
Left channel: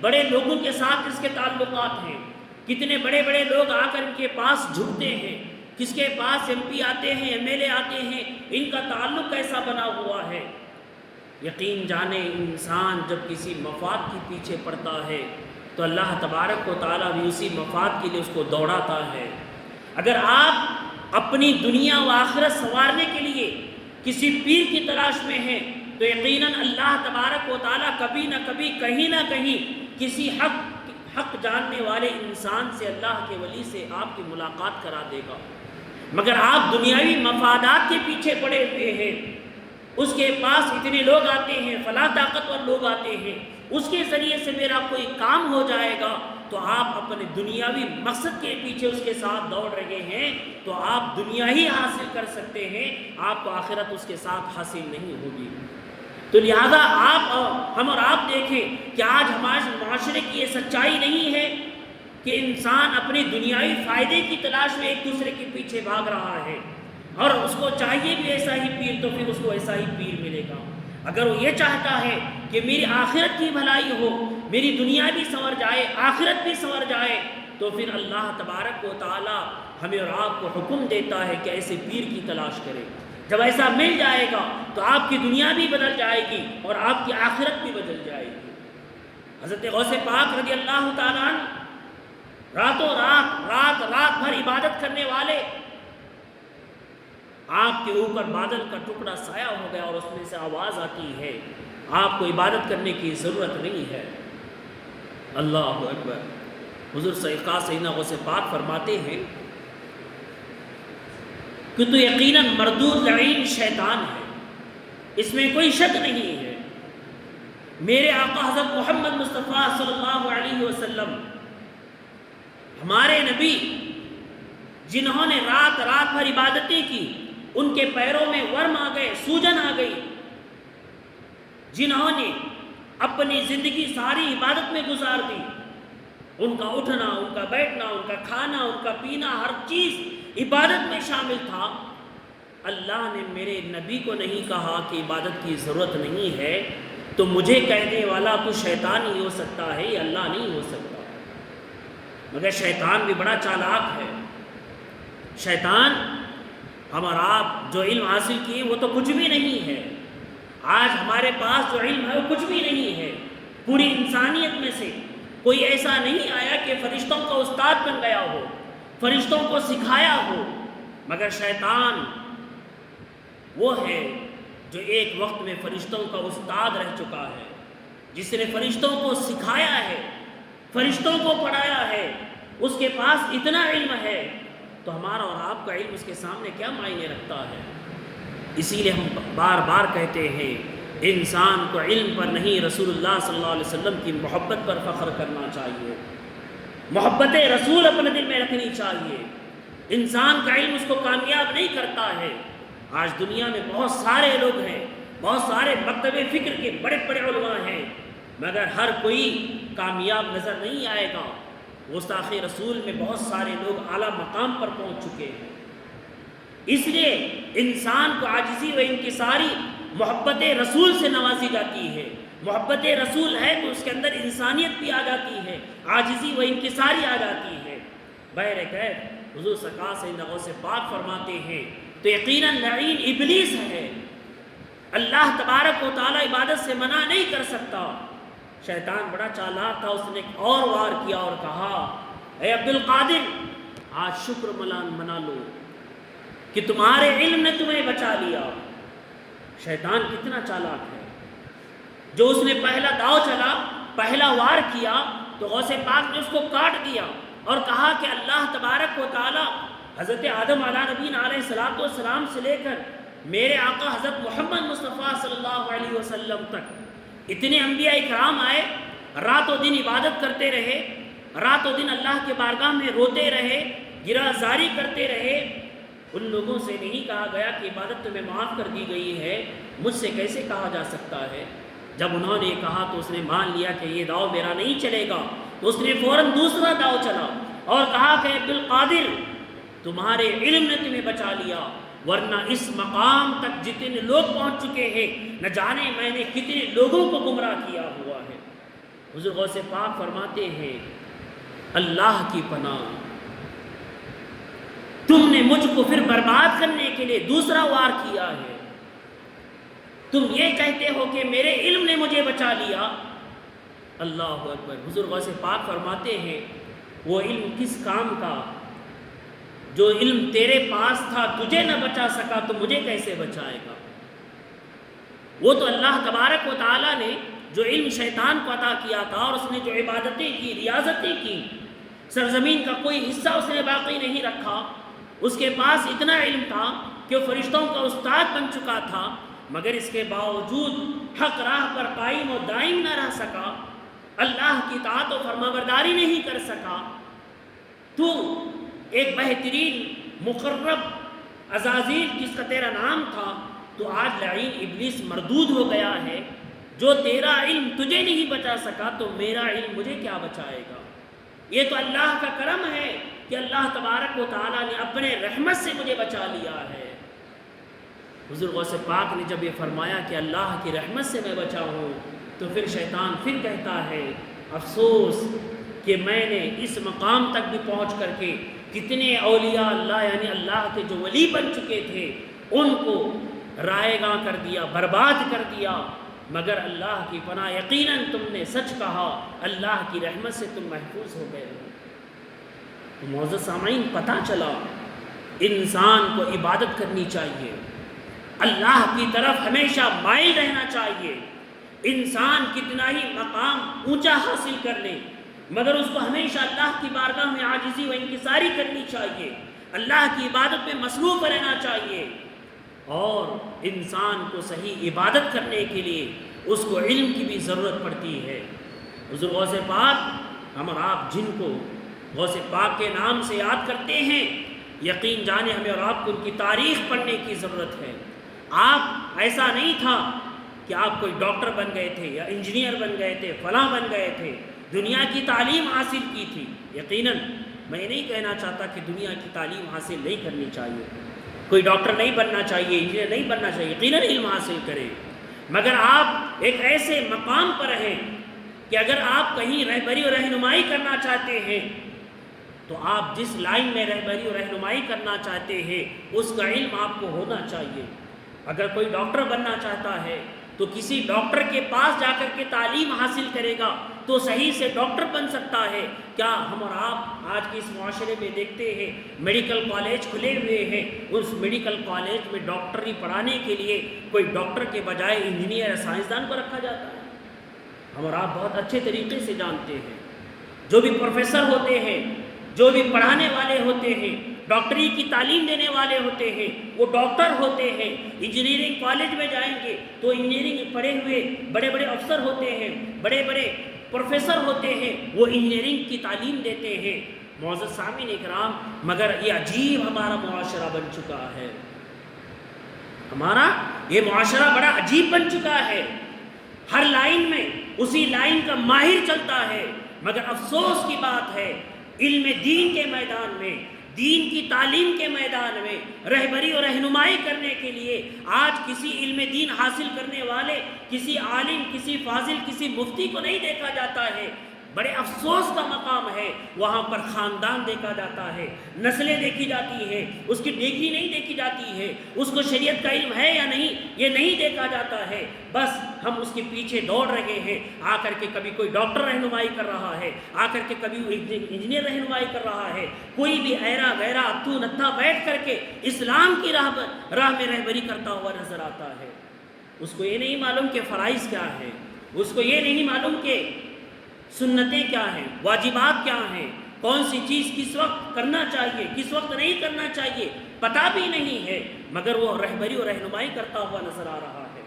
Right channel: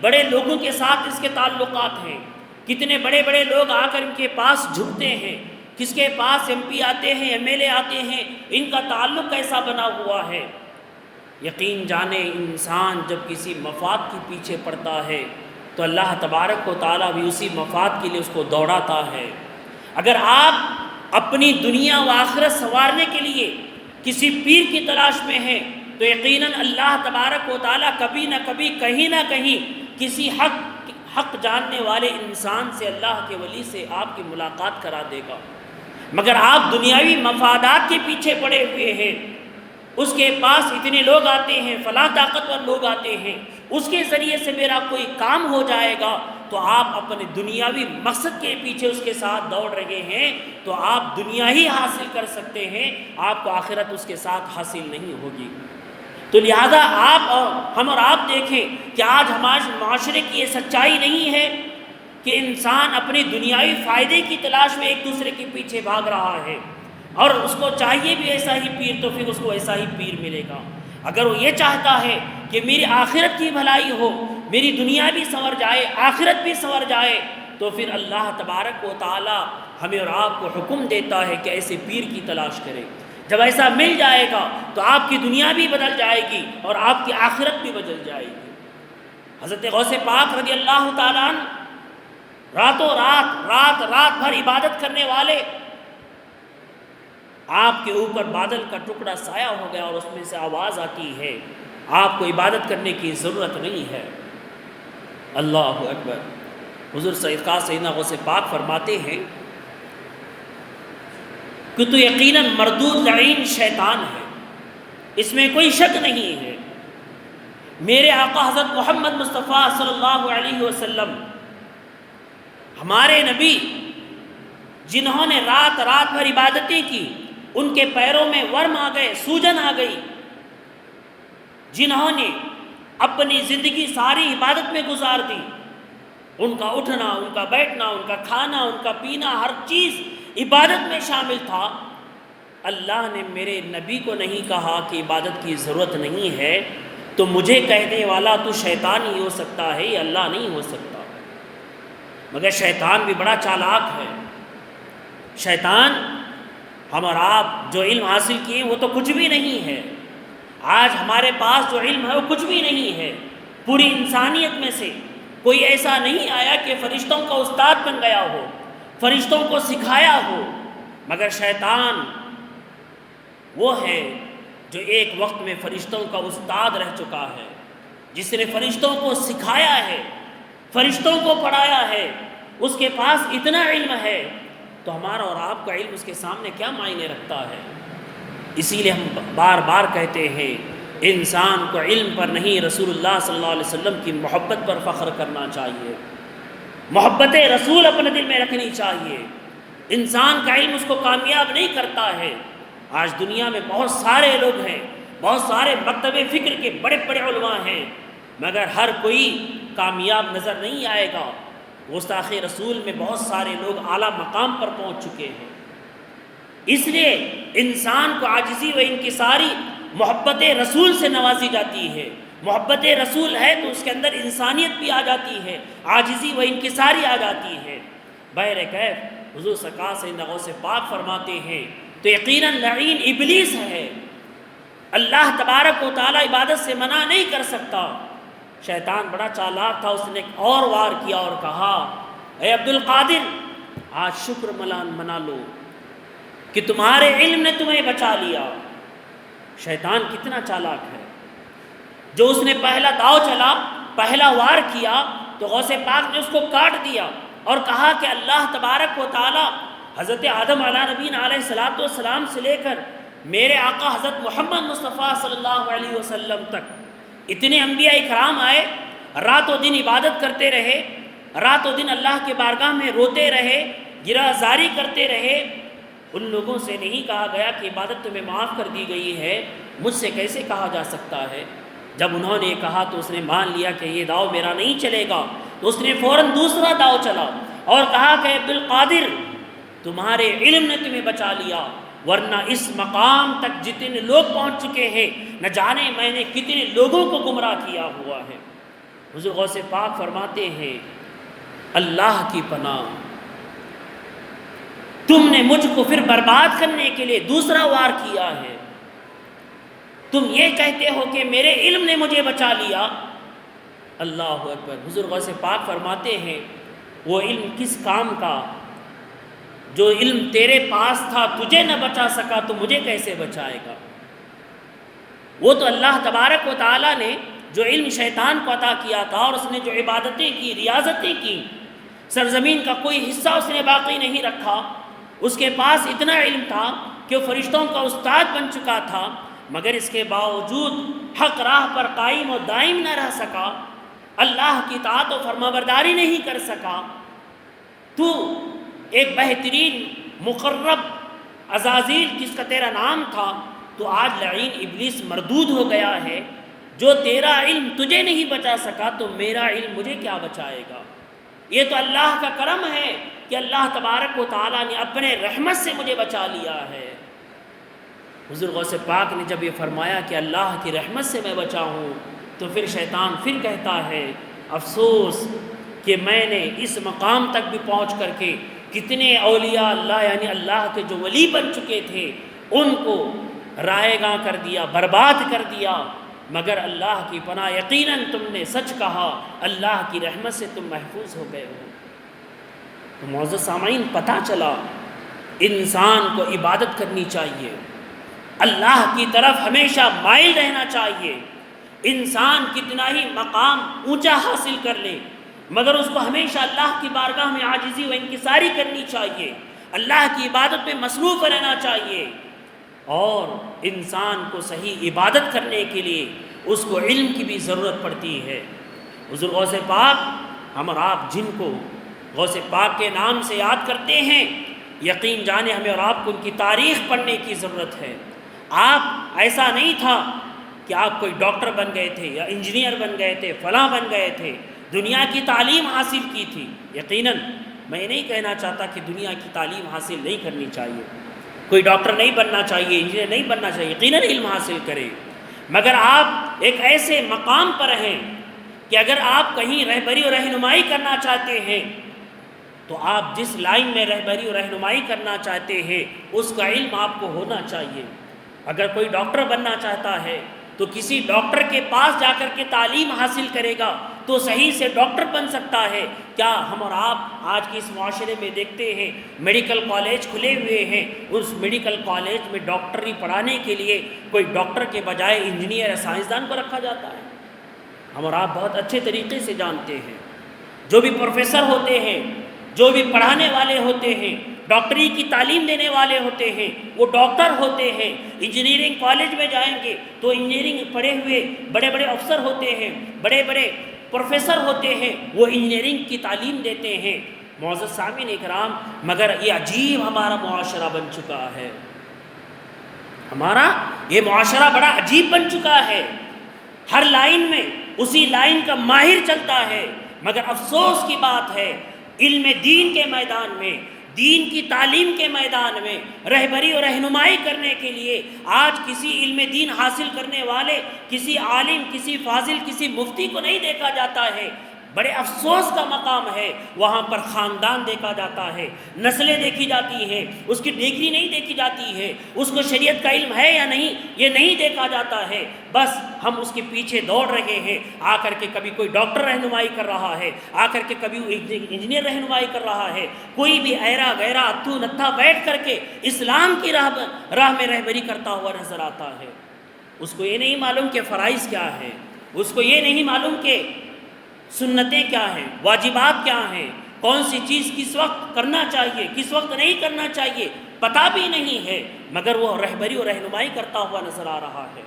بڑے لوگوں کے ساتھ اس کے تعلقات ہیں، کتنے بڑے بڑے لوگ آ کر ان کے پاس جھکتے ہیں، کس کے پاس ایم پی آتے ہیں، ایم ایل اے آتے ہیں، ان کا تعلق کیسا بنا ہوا ہے۔ یقین جانے انسان جب کسی مفاد کے پیچھے پڑتا ہے تو اللہ تبارک و تعالیٰ بھی اسی مفاد کے لیے اس کو دوڑاتا ہے۔ اگر آپ اپنی دنیا و آخرت سنوارنے کے لیے کسی پیر کی تلاش میں ہیں تو یقیناً اللہ تبارک و تعالیٰ کبھی نہ کبھی کہیں نہ کہیں کسی حق جاننے والے انسان سے، اللہ کے ولی سے آپ کی ملاقات کرا دے گا۔ مگر آپ دنیاوی مفادات کے پیچھے پڑے ہوئے ہیں، اس کے پاس اتنے لوگ آتے ہیں، فلاں طاقتور لوگ آتے ہیں، اس کے ذریعے سے میرا کوئی کام ہو جائے گا، تو آپ اپنے دنیاوی مقصد کے پیچھے اس کے ساتھ دوڑ رہے ہیں تو آپ دنیا ہی حاصل کر سکتے ہیں، آپ کو آخرت اس کے ساتھ حاصل نہیں ہوگی۔ تو لہذا ہم اور آپ دیکھیں کہ آج ہمارے معاشرے کی یہ سچائی نہیں ہے کہ انسان اپنے دنیاوی فائدے کی تلاش میں ایک دوسرے کے پیچھے بھاگ رہا ہے، اور اس کو چاہیے بھی ایسا ہی پیر تو پھر اس کو ایسا ہی پیر ملے گا۔ اگر وہ یہ چاہتا ہے کہ میری آخرت کی بھلائی ہو، میری دنیا بھی سنور جائے، آخرت بھی سنور جائے، تو پھر اللہ تبارک و تعالی ہمیں اور آپ کو حکم دیتا ہے کہ ایسے پیر کی تلاش کریں۔ جب ایسا مل جائے گا تو آپ کی دنیا بھی بدل جائے گی اور آپ کی آخرت بھی بدل جائے گی۔ حضرت غوث پاک رضی اللہ تعالیٰ عنہ راتوں رات بھر عبادت کرنے والے، آپ کے اوپر بادل کا ٹکڑا سایہ ہو گیا اور اس میں سے آواز آتی ہے آپ کو عبادت کرنے کی ضرورت نہیں ہے۔ اللہ اکبر۔ حضور سیدنا غوث پاک فرماتے ہیں کہ تو یقیناً مردود لعین شیطان ہے، اس میں کوئی شک نہیں ہے۔ میرے آقا حضرت محمد مصطفیٰ صلی اللہ علیہ وسلم ہمارے نبی، جنہوں نے رات بھر عبادتیں کی، ان کے پیروں میں ورم آ گئے، سوجن آ گئی، جنہوں نے اپنی زندگی ساری عبادت میں گزار دی، ان کا اٹھنا، ان کا بیٹھنا، ان کا کھانا، ان کا پینا، ہر چیز عبادت میں شامل تھا۔ اللہ نے میرے نبی کو نہیں کہا کہ عبادت کی ضرورت نہیں ہے، تو مجھے کہنے والا تو شیطان ہی ہو سکتا ہے، یہ اللہ نہیں ہو سکتا۔ مگر شیطان بھی بڑا چالاک ہے۔ شیطان ہم اور آپ جو علم حاصل کیے وہ تو کچھ بھی نہیں ہے۔ آج ہمارے پاس جو علم ہے وہ کچھ بھی نہیں ہے۔ پوری انسانیت میں سے کوئی ایسا نہیں آیا کہ فرشتوں کا استاد بن گیا ہو، فرشتوں کو سکھایا ہو، مگر شیطان وہ ہے جو ایک وقت میں فرشتوں کا استاد رہ چکا ہے، جس نے فرشتوں کو سکھایا ہے، فرشتوں کو پڑھایا ہے، اس کے پاس اتنا علم ہے، تو ہمارا اور آپ کا علم اس کے سامنے کیا معنی رکھتا ہے؟ اسی لیے ہم بار بار کہتے ہیں انسان کو علم پر نہیں، رسول اللہ صلی اللہ علیہ وسلم کی محبت پر فخر کرنا چاہیے، محبت رسول اپنے دل میں رکھنی چاہیے۔ انسان کا علم اس کو کامیاب نہیں کرتا ہے۔ آج دنیا میں بہت سارے لوگ ہیں، بہت سارے مکتب فکر کے بڑے بڑے علماء ہیں، مگر ہر کوئی کامیاب نظر نہیں آئے گا۔ گستاخ رسول میں بہت سارے لوگ اعلیٰ مقام پر پہنچ چکے ہیں۔ اس لیے انسان کو عاجزی و انکساری محبت رسول سے نوازی جاتی ہے۔ محبت رسول ہے تو اس کے اندر انسانیت بھی آ جاتی ہے، عاجزی و انکساری آ جاتی ہے۔ بہرکیف حضور سرکار سیدنا غوث پاک فرماتے ہیں تو یقیناً لعین ابلیس ہے، اللہ تبارک و تعالی عبادت سے منع نہیں کر سکتا۔ شیطان بڑا چالاک تھا، اس نے ایک اور وار کیا اور کہا اے عبد القادر، آج شکر منا لو کہ تمہارے علم نے تمہیں بچا لیا۔ شیطان کتنا چالاک ہے، جو اس نے پہلا داؤ چلا، پہلا وار کیا، تو غوث پاک نے اس کو کاٹ دیا اور کہا کہ اللہ تبارک و تعالی حضرت آدم علیہ نبینا علیہ السلام سے لے کر میرے آقا حضرت محمد مصطفیٰ صلی اللہ علیہ وسلم تک اتنے انبیاء اکرام آئے، رات و دن عبادت کرتے رہے، رات و دن اللہ کے بارگاہ میں روتے رہے، گرہ زاری کرتے رہے۔ ان لوگوں سے نہیں کہا گیا کہ عبادت تمہیں معاف کر دی گئی ہے، مجھ سے کیسے کہا جا سکتا ہے؟ جب انہوں نے کہا تو اس نے مان لیا کہ یہ داؤ میرا نہیں چلے گا، تو اس نے فوراً دوسرا داؤ چلا اور کہا کہ عبد القادر، تمہارے علم نے تمہیں بچا لیا، ورنہ اس مقام تک جتنے لوگ پہنچ چکے ہیں، نہ جانے میں نے کتنے لوگوں کو گمراہ کیا ہوا ہے۔ حضور غوث پاک فرماتے ہیں اللہ کی پناہ، تم نے مجھ کو پھر برباد کرنے کے لیے دوسرا وار کیا ہے۔ تم یہ کہتے ہو کہ میرے علم نے مجھے بچا لیا۔ اللہ اکبر۔ حضور غوث پاک فرماتے ہیں وہ علم کس کام کا؟ جو علم تیرے پاس تھا تجھے نہ بچا سکا تو مجھے کیسے بچائے گا؟ وہ تو اللہ تبارک و تعالیٰ نے جو علم شیطان کو عطا کیا تھا، اور اس نے جو عبادتیں کی، ریاضتیں کی، سرزمین کا کوئی حصہ اس نے باقی نہیں رکھا۔ اس کے پاس اتنا علم تھا کہ وہ فرشتوں کا استاد بن چکا تھا، مگر اس کے باوجود حق راہ پر قائم و دائم نہ رہ سکا، اللہ کی اطاعت و فرمانبرداری نہیں کر سکا۔ تو ایک بہترین مقرب عزازیل جس کا تیرا نام تھا، تو آج لعین ابلیس مردود ہو گیا ہے۔ جو تیرا علم تجھے نہیں بچا سکا تو میرا علم مجھے کیا بچائے گا؟ یہ تو اللہ کا کرم ہے کہ اللہ تبارک و تعالیٰ نے اپنے رحمت سے مجھے بچا لیا ہے۔ حضور غوث پاک نے جب یہ فرمایا کہ اللہ کی رحمت سے میں بچا ہوں، تو پھر شیطان پھر کہتا ہے افسوس کہ میں نے اس مقام تک بھی پہنچ کر کے کتنے اولیاء اللہ یعنی اللہ کے جو ولی بن چکے تھے ان کو رائے گاں کر دیا، برباد کر دیا، مگر اللہ کی پناہ یقیناً تم نے سچ کہا، اللہ کی رحمت سے تم محفوظ ہو گئے ہو۔ تو معزز سامعین، پتہ چلا انسان کو عبادت کرنی چاہیے، اللہ کی طرف ہمیشہ مائل رہنا چاہیے۔ انسان کتنا ہی مقام اونچا حاصل کر لے مگر اس کو ہمیشہ اللہ کی بارگاہ میں عاجزی و انکساری کرنی چاہیے، اللہ کی عبادت میں مصروف رہنا چاہیے۔ اور انسان کو صحیح عبادت کرنے کے لیے اس کو علم کی بھی ضرورت پڑتی ہے۔ حضور غوث پاک ہم اور آپ جن کو غوث پاک کے نام سے یاد کرتے ہیں، یقین جانے ہمیں اور آپ کو ان کی تاریخ پڑھنے کی ضرورت ہے۔ آپ ایسا نہیں تھا کہ آپ کوئی ڈاکٹر بن گئے تھے یا انجینئر بن گئے تھے، فلاں بن گئے تھے، دنیا کی تعلیم حاصل کی تھی۔ یقیناً میں نہیں کہنا چاہتا کہ دنیا کی تعلیم حاصل نہیں کرنی چاہیے، کوئی ڈاکٹر نہیں بننا چاہیے، انجینئر نہیں بننا چاہیے، یقیناً علم حاصل کرے، مگر آپ ایک ایسے مقام پر ہیں کہ اگر آپ کہیں رہبری اور رہنمائی کرنا چاہتے ہیں تو آپ جس لائن میں رہبری اور رہنمائی کرنا چاہتے ہیں اس کا علم آپ کو ہونا چاہیے۔ اگر کوئی ڈاکٹر بننا چاہتا ہے تو کسی ڈاکٹر کے پاس جا کر کے تعلیم حاصل کرے گا تو صحیح سے ڈاکٹر بن سکتا ہے۔ کیا ہم اور آپ آج کے اس معاشرے میں دیکھتے ہیں میڈیکل کالج کھلے ہوئے ہیں، اس میڈیکل کالج میں ڈاکٹری پڑھانے کے لیے کوئی ڈاکٹر کے بجائے انجینئر یا سائنسدان کو رکھا جاتا ہے؟ ہم اور آپ بہت اچھے طریقے سے جانتے ہیں جو بھی پروفیسر ہوتے ہیں، جو بھی پڑھانے والے ہوتے ہیں، ڈاکٹری کی تعلیم دینے والے ہوتے ہیں، وہ ڈاکٹر ہوتے ہیں۔ انجینئرنگ کالج میں جائیں گے تو انجینئرنگ پڑھے ہوئے بڑے بڑے افسر ہوتے ہیں، بڑے بڑے پروفیسر ہوتے ہیں، وہ انجینئرنگ کی تعلیم دیتے ہیں۔ معزز سامعین اکرام، مگر یہ عجیب ہمارا معاشرہ بن چکا ہے، ہمارا یہ معاشرہ بڑا عجیب بن چکا ہے۔ ہر لائن میں اسی لائن کا ماہر چلتا ہے، مگر افسوس کی بات ہے علم دین کے میدان میں، دین کی تعلیم کے میدان میں رہبری اور رہنمائی کرنے کے لیے آج کسی علم دین حاصل کرنے والے، کسی عالم، کسی فاضل، کسی مفتی کو نہیں دیکھا جاتا ہے۔ بڑے افسوس کا مقام ہے، وہاں پر خاندان دیکھا جاتا ہے، نسلیں دیکھی جاتی ہے، اس کی ڈگری نہیں دیکھی جاتی ہے، اس کو شریعت کا علم ہے یا نہیں یہ نہیں دیکھا جاتا ہے۔ بس ہم اس کے پیچھے دوڑ رہے ہیں، آ کر کے کبھی کوئی ڈاکٹر رہنمائی کر رہا ہے، آ کر کے کبھی انجینئر رہنمائی کر رہا ہے، کوئی بھی ایرا غیرہ اتھو نتھا بیٹھ کر کے اسلام کی راہ میں رہبری کرتا ہوا نظر آتا ہے۔ اس کو یہ نہیں معلوم کہ فرائض کیا ہے، اس کو یہ نہیں معلوم کہ سنتیں کیا ہیں، واجبات کیا ہیں، کون سی چیز کس وقت کرنا چاہیے، کس وقت نہیں کرنا چاہیے، پتہ بھی نہیں ہے، مگر وہ رہبری اور رہنمائی کرتا ہوا نظر آ رہا ہے۔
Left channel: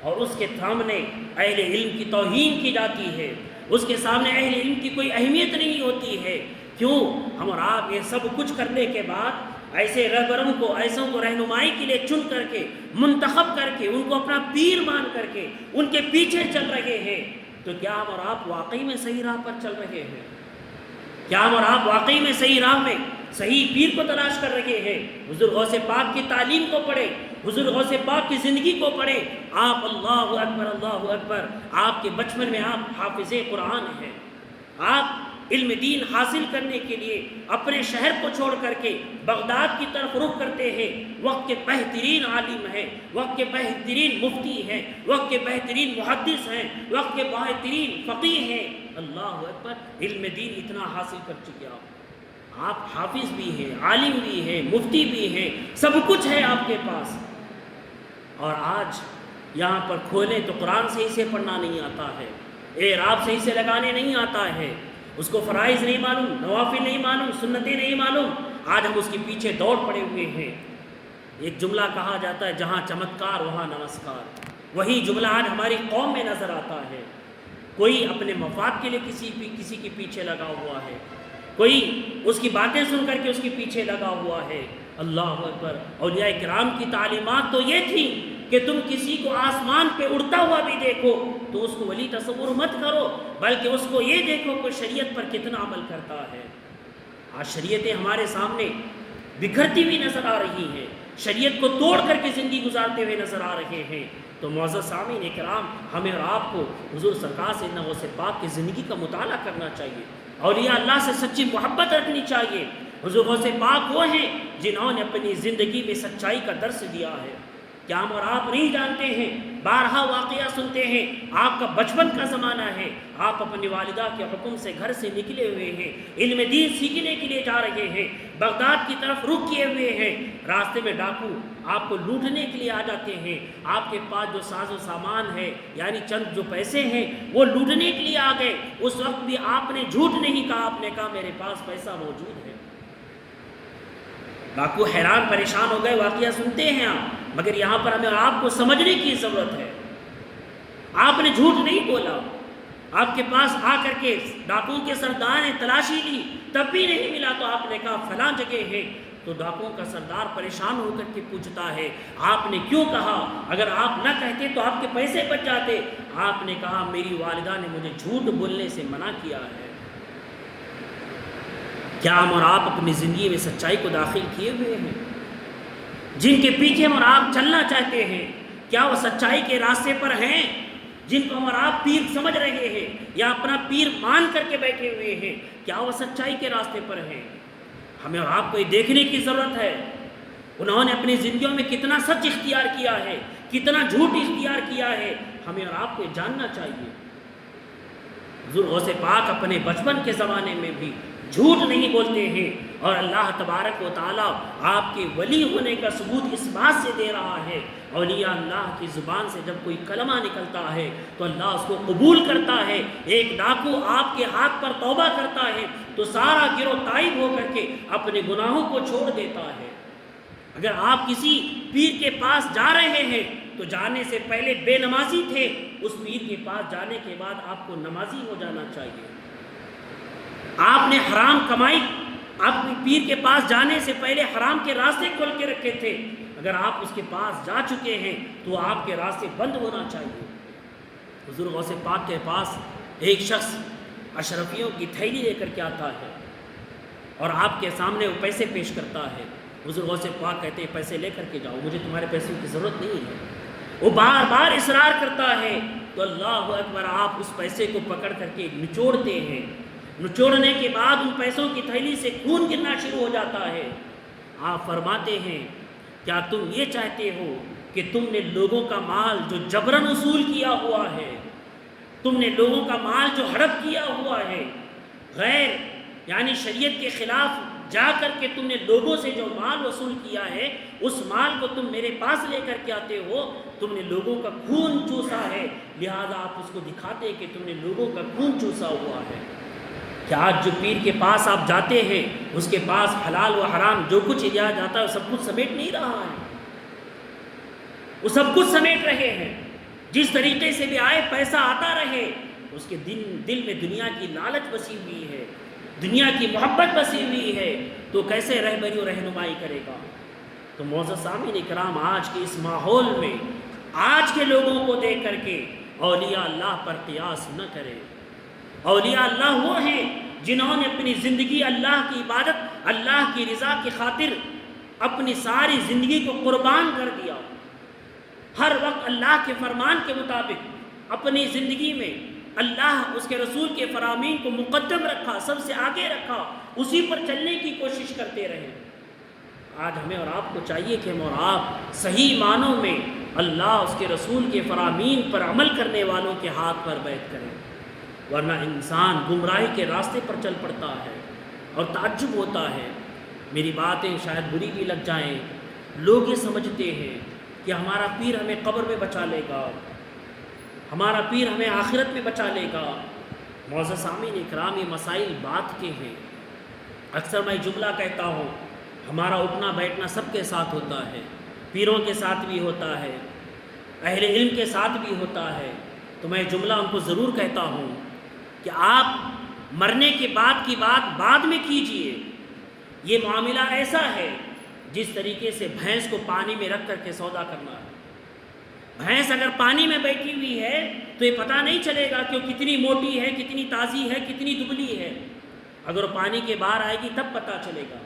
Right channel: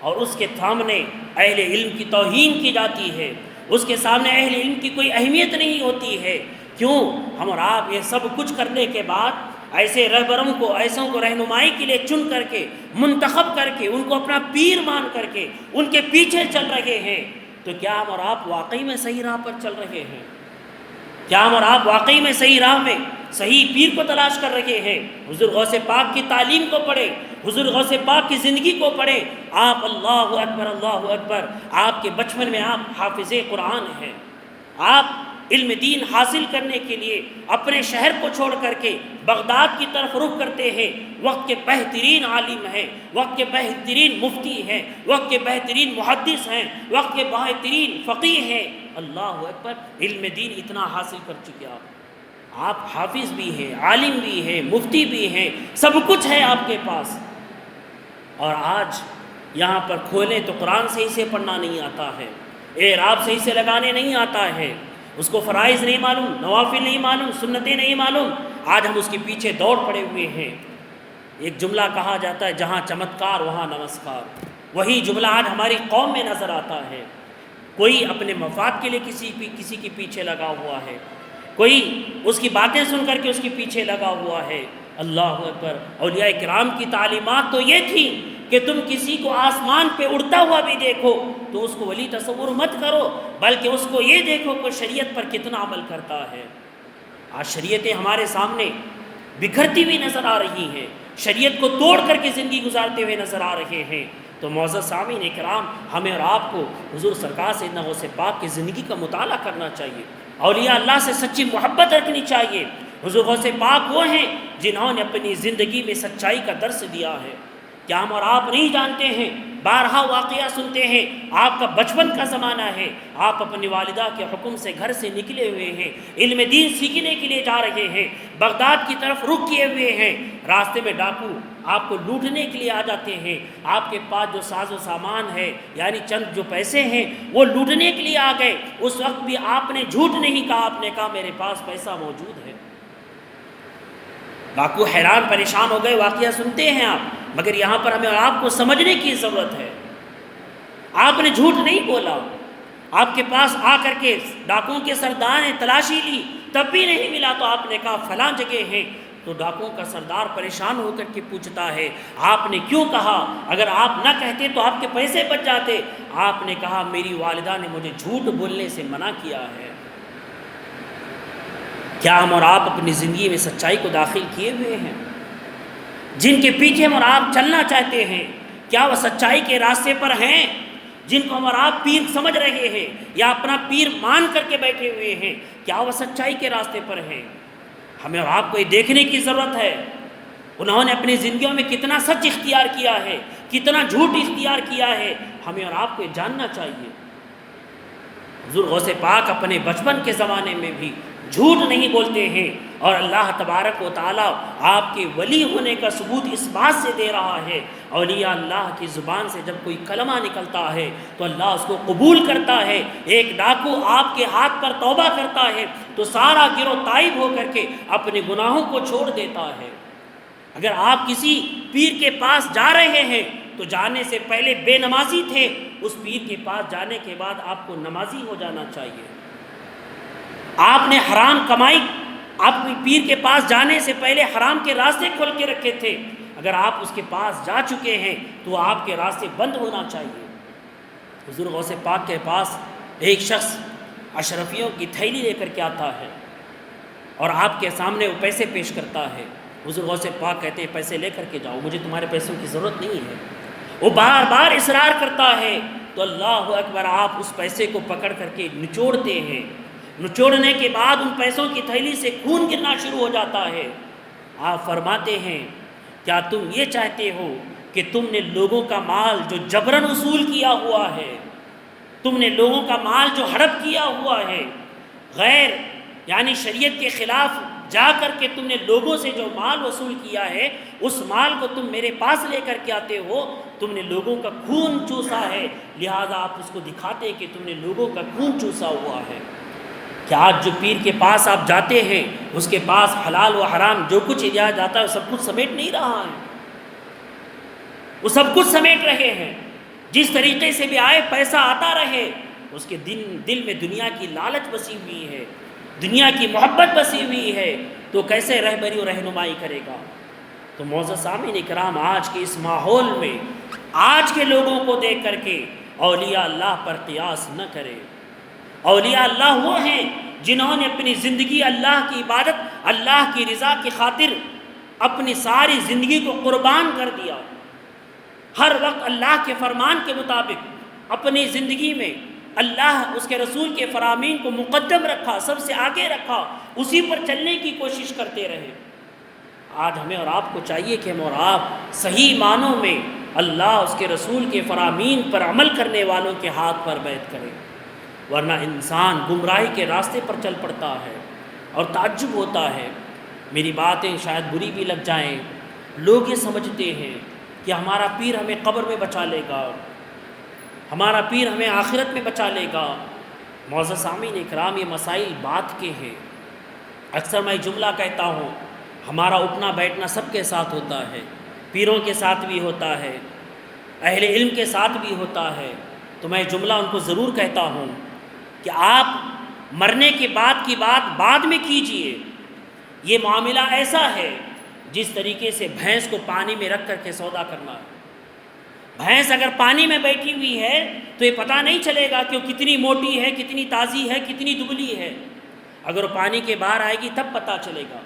اور اس کے سامنے اہل علم کی توہین کی جاتی ہے، اس کے سامنے اہل علم کی کوئی اہمیت نہیں ہوتی ہے۔ کیوں؟ ہم اور آپ یہ سب کچھ کرنے کے بعد ایسے رہبروں کو، ایسوں کو رہنمائی کے لیے چن کر کے، منتخب کر کے، ان کو اپنا پیر مان کر کے ان کے پیچھے چل رہے ہیں، تو کیا ہم اور آپ واقعی میں صحیح راہ پر چل رہے ہیں؟ کیا ہم اور آپ واقعی میں صحیح راہ میں صحیح پیر کو تلاش کر رہے ہیں؟ حضور غوث پاک کی تعلیم کو پڑھیں، حضور غوث پاک کی زندگی کو پڑھیں۔ آپ اللہ اکبر اللہ اکبر، آپ کے بچپن میں آپ حافظ قرآن ہیں، آپ علم دین حاصل کرنے کے لیے اپنے شہر کو چھوڑ کر کے بغداد کی طرف رخ کرتے ہیں، وقت کے بہترین عالم ہیں، وقت کے بہترین مفتی ہیں، وقت کے بہترین محدث ہیں، وقت کے بہترین فقیہ ہیں۔ اللہ اکبر، علم دین اتنا حاصل کر چکے آپ حافظ بھی ہیں، عالم بھی ہیں، مفتی بھی ہیں، سب کچھ ہے آپ کے پاس، اور آج یہاں پر کھولیں تو قرآن صحیح سے پڑھنا نہیں آتا ہے، اعراب صحیح سے لگانے نہیں آتا ہے، اس کو فرائض نہیں معلوم، نوافل نہیں معلوم، سنتیں نہیں معلوم، آج ہم اس کے پیچھے دوڑ پڑے ہوئے ہیں۔ ایک جملہ کہا جاتا ہے، جہاں چمتکار وہاں نمسکار، وہی جملہ آج ہماری قوم میں نظر آتا ہے۔ کوئی اپنے مفاد کے لیے کسی کے پیچھے لگا ہوا ہے، کوئی اس کی باتیں سن کر کے اس کے پیچھے لگا ہوا ہے۔ اللہ اکبر، اولیاء کرام کی تعلیمات تو یہ تھی کہ تم کسی کو آسمان پہ اڑتا ہوا بھی دیکھو تو اس کو ولی تصور مت کرو، بلکہ اس کو یہ دیکھو کہ شریعت پر کتنا عمل کرتا ہے۔ آج شریعتیں ہمارے سامنے بکھرتی ہوئی نظر آ رہی ہیں، شریعت کو توڑ کر کے زندگی گزارتے ہوئے نظر آ رہے ہیں۔ تو معزز سامعین کرام، ہمیں اور آپ کو حضور سرکار سیدنا غوث پاک کی زندگی کا مطالعہ کرنا چاہیے، اولیاء اللہ سے سچی محبت رکھنی چاہیے۔ حضور غوث پاک وہ ہیں جنہوں نے اپنی زندگی میں سچائی کا درس دیا ہے۔ کیا ہم اور آپ نہیں جانتے ہیں؟ بارہا واقعہ سنتے ہیں، آپ کا بچپن کا زمانہ ہے، آپ اپنی والدہ کے حکم سے گھر سے نکلے ہوئے ہیں، علم دین سیکھنے کے لیے جا رہے ہیں، بغداد کی طرف رخ کیے ہوئے ہیں، راستے میں ڈاکو آپ کو لوٹنے کے لیے آ جاتے ہیں، آپ کے پاس جو ساز و سامان ہے یعنی چند جو پیسے ہیں وہ لوٹنے کے لیے آ گئے۔ اس وقت بھی آپ نے جھوٹ نہیں کہا، آپ نے کہا میرے پاس پیسہ موجود ہے۔ ڈاکو حیران پریشان ہو گئے، واقعہ سنتے ہیں آپ، مگر یہاں پر ہمیں اور آپ کو سمجھنے کی ضرورت ہے۔ آپ نے جھوٹ نہیں بولا، آپ کے پاس آ کر کے ڈاکوؤں کے سردار نے تلاشی لی، تب بھی نہیں ملا تو آپ نے کہا فلاں جگہ ہے۔ تو ڈاکوؤں کا سردار پریشان ہو کر کے پوچھتا ہے آپ نے کیوں کہا؟ اگر آپ نہ کہتے تو آپ کے پیسے بچ جاتے۔ آپ نے کہا میری والدہ نے مجھے جھوٹ بولنے سے منع کیا ہے۔ کیا ہم اور آپ اپنی زندگی میں سچائی کو داخل کیے ہوئے ہیں؟ جن کے پیچھے ہم اور آپ چلنا چاہتے ہیں، کیا وہ سچائی کے راستے پر ہیں؟ جن کو ہم اور آپ پیر سمجھ رہے ہیں یا اپنا پیر مان کر کے بیٹھے ہوئے ہیں، کیا وہ سچائی کے راستے پر ہیں؟ ہمیں اور آپ کو یہ دیکھنے کی ضرورت ہے انہوں نے اپنی زندگیوں میں کتنا سچ اختیار کیا ہے، کتنا جھوٹ اختیار کیا ہے، ہمیں اور آپ کو یہ جاننا چاہیے۔ حضور غوث پاک اپنے بچپن کے زمانے میں بھی جھوٹ نہیں بولتے ہیں، اور اللہ تبارک و تعالیٰ آپ کے ولی ہونے کا ثبوت اس بات سے دے رہا ہے، اولیاء اللہ کی زبان سے جب کوئی کلمہ نکلتا ہے تو اللہ اس کو قبول کرتا ہے۔ ایک ڈاکو آپ کے ہاتھ پر توبہ کرتا ہے تو سارا گروہ تائب ہو کر کے اپنے گناہوں کو چھوڑ دیتا ہے۔ اگر آپ کسی پیر کے پاس جا رہے ہیں تو جانے سے پہلے بے نمازی تھے، اس پیر کے پاس جانے کے بعد آپ کو نمازی ہو جانا چاہیے۔ آپ نے حرام کمائی، آپ پیر کے پاس جانے سے پہلے حرام کے راستے کھول کے رکھے تھے، اگر آپ اس کے پاس جا چکے ہیں تو آپ کے راستے بند ہونا چاہیے۔ حضور غوث پاک کے پاس ایک شخص اشرفیوں کی تھیلی لے کر کے آتا ہے اور آپ کے سامنے وہ پیسے پیش کرتا ہے۔ حضور غوث پاک کہتے ہیں پیسے لے کر کے جاؤ، مجھے تمہارے پیسوں کی ضرورت نہیں ہے۔ وہ بار بار اصرار کرتا ہے تو اللہ اکبر، آپ اس پیسے کو پکڑ کر کے نچوڑتے ہیں۔ نچوڑنے کے بعد ان پیسوں کی تھیلی سے خون گرنا شروع ہو جاتا ہے۔ آپ فرماتے ہیں کیا تم یہ چاہتے ہو کہ تم نے لوگوں کا مال جو جبرن وصول کیا ہوا ہے، تم نے لوگوں کا مال جو ہڑپ کیا ہوا ہے، غیر یعنی شریعت کے خلاف جا کر کے تم نے لوگوں سے جو مال وصول کیا ہے، اس مال کو تم میرے پاس لے کر کے آتے ہو، تم نے لوگوں کا خون چوسا ہے، لہذا آپ اس کو دکھاتے کہ تم نے لوگوں کا خون چوسا ہوا ہے۔ کہ آج جو پیر کے پاس آپ جاتے ہیں اس کے پاس حلال و حرام جو کچھ لیا جاتا ہے وہ سب کچھ سمیٹ نہیں رہا ہے، وہ سب کچھ سمیٹ رہے ہیں۔ جس طریقے سے بھی آئے پیسہ آتا رہے، اس کے دل میں دنیا کی لالچ بسی ہوئی ہے، دنیا کی محبت بسی ہوئی ہے، تو کیسے رہبری و رہنمائی کرے گا؟ تو معزز سامعین اکرام، آج کے اس ماحول میں آج کے لوگوں کو دیکھ کر کے اولیاء اللہ پر قیاس نہ کرے۔ اولیاء اللہ وہ ہیں جنہوں نے اپنی زندگی اللہ کی عبادت، اللہ کی رضا کی خاطر اپنی ساری زندگی کو قربان کر دیا، ہر وقت اللہ کے فرمان کے مطابق اپنی زندگی میں اللہ اس کے رسول کے فرامین کو مقدم رکھا، سب سے آگے رکھا، اسی پر چلنے کی کوشش کرتے رہے۔ آج ہمیں اور آپ کو چاہیے کہ ہم اور آپ صحیح معنوں میں اللہ اس کے رسول کے فرامین پر عمل کرنے والوں کے ہاتھ پر بیعت کریں، ورنہ انسان گمراہی کے راستے پر چل پڑتا ہے۔ اور تعجب ہوتا ہے، میری باتیں شاید بری بھی لگ جائیں، لوگ یہ سمجھتے ہیں کہ ہمارا پیر ہمیں قبر میں بچا لے گا، ہمارا پیر ہمیں آخرت میں بچا لے گا۔ معزز سامعین اکرام، یہ مسائل بات کے ہیں۔ اکثر میں جملہ کہتا ہوں، ہمارا اٹھنا بیٹھنا سب کے ساتھ ہوتا ہے، پیروں کے ساتھ بھی ہوتا ہے، اہل علم کے ساتھ بھی ہوتا ہے، تو میں جملہ ان کو ضرور کہتا ہوں کہ آپ مرنے کے بعد کی بات بعد میں کیجئے۔ یہ معاملہ ایسا ہے جس طریقے سے بھینس کو پانی میں رکھ کر کے سودا کرنا ہے۔ بھینس اگر پانی میں بیٹھی ہوئی ہے تو یہ پتہ نہیں چلے گا کہ وہ کتنی موٹی ہے، کتنی تازی ہے، کتنی دبلی ہے۔ اگر وہ پانی کے باہر آئے گی تب پتہ چلے گا۔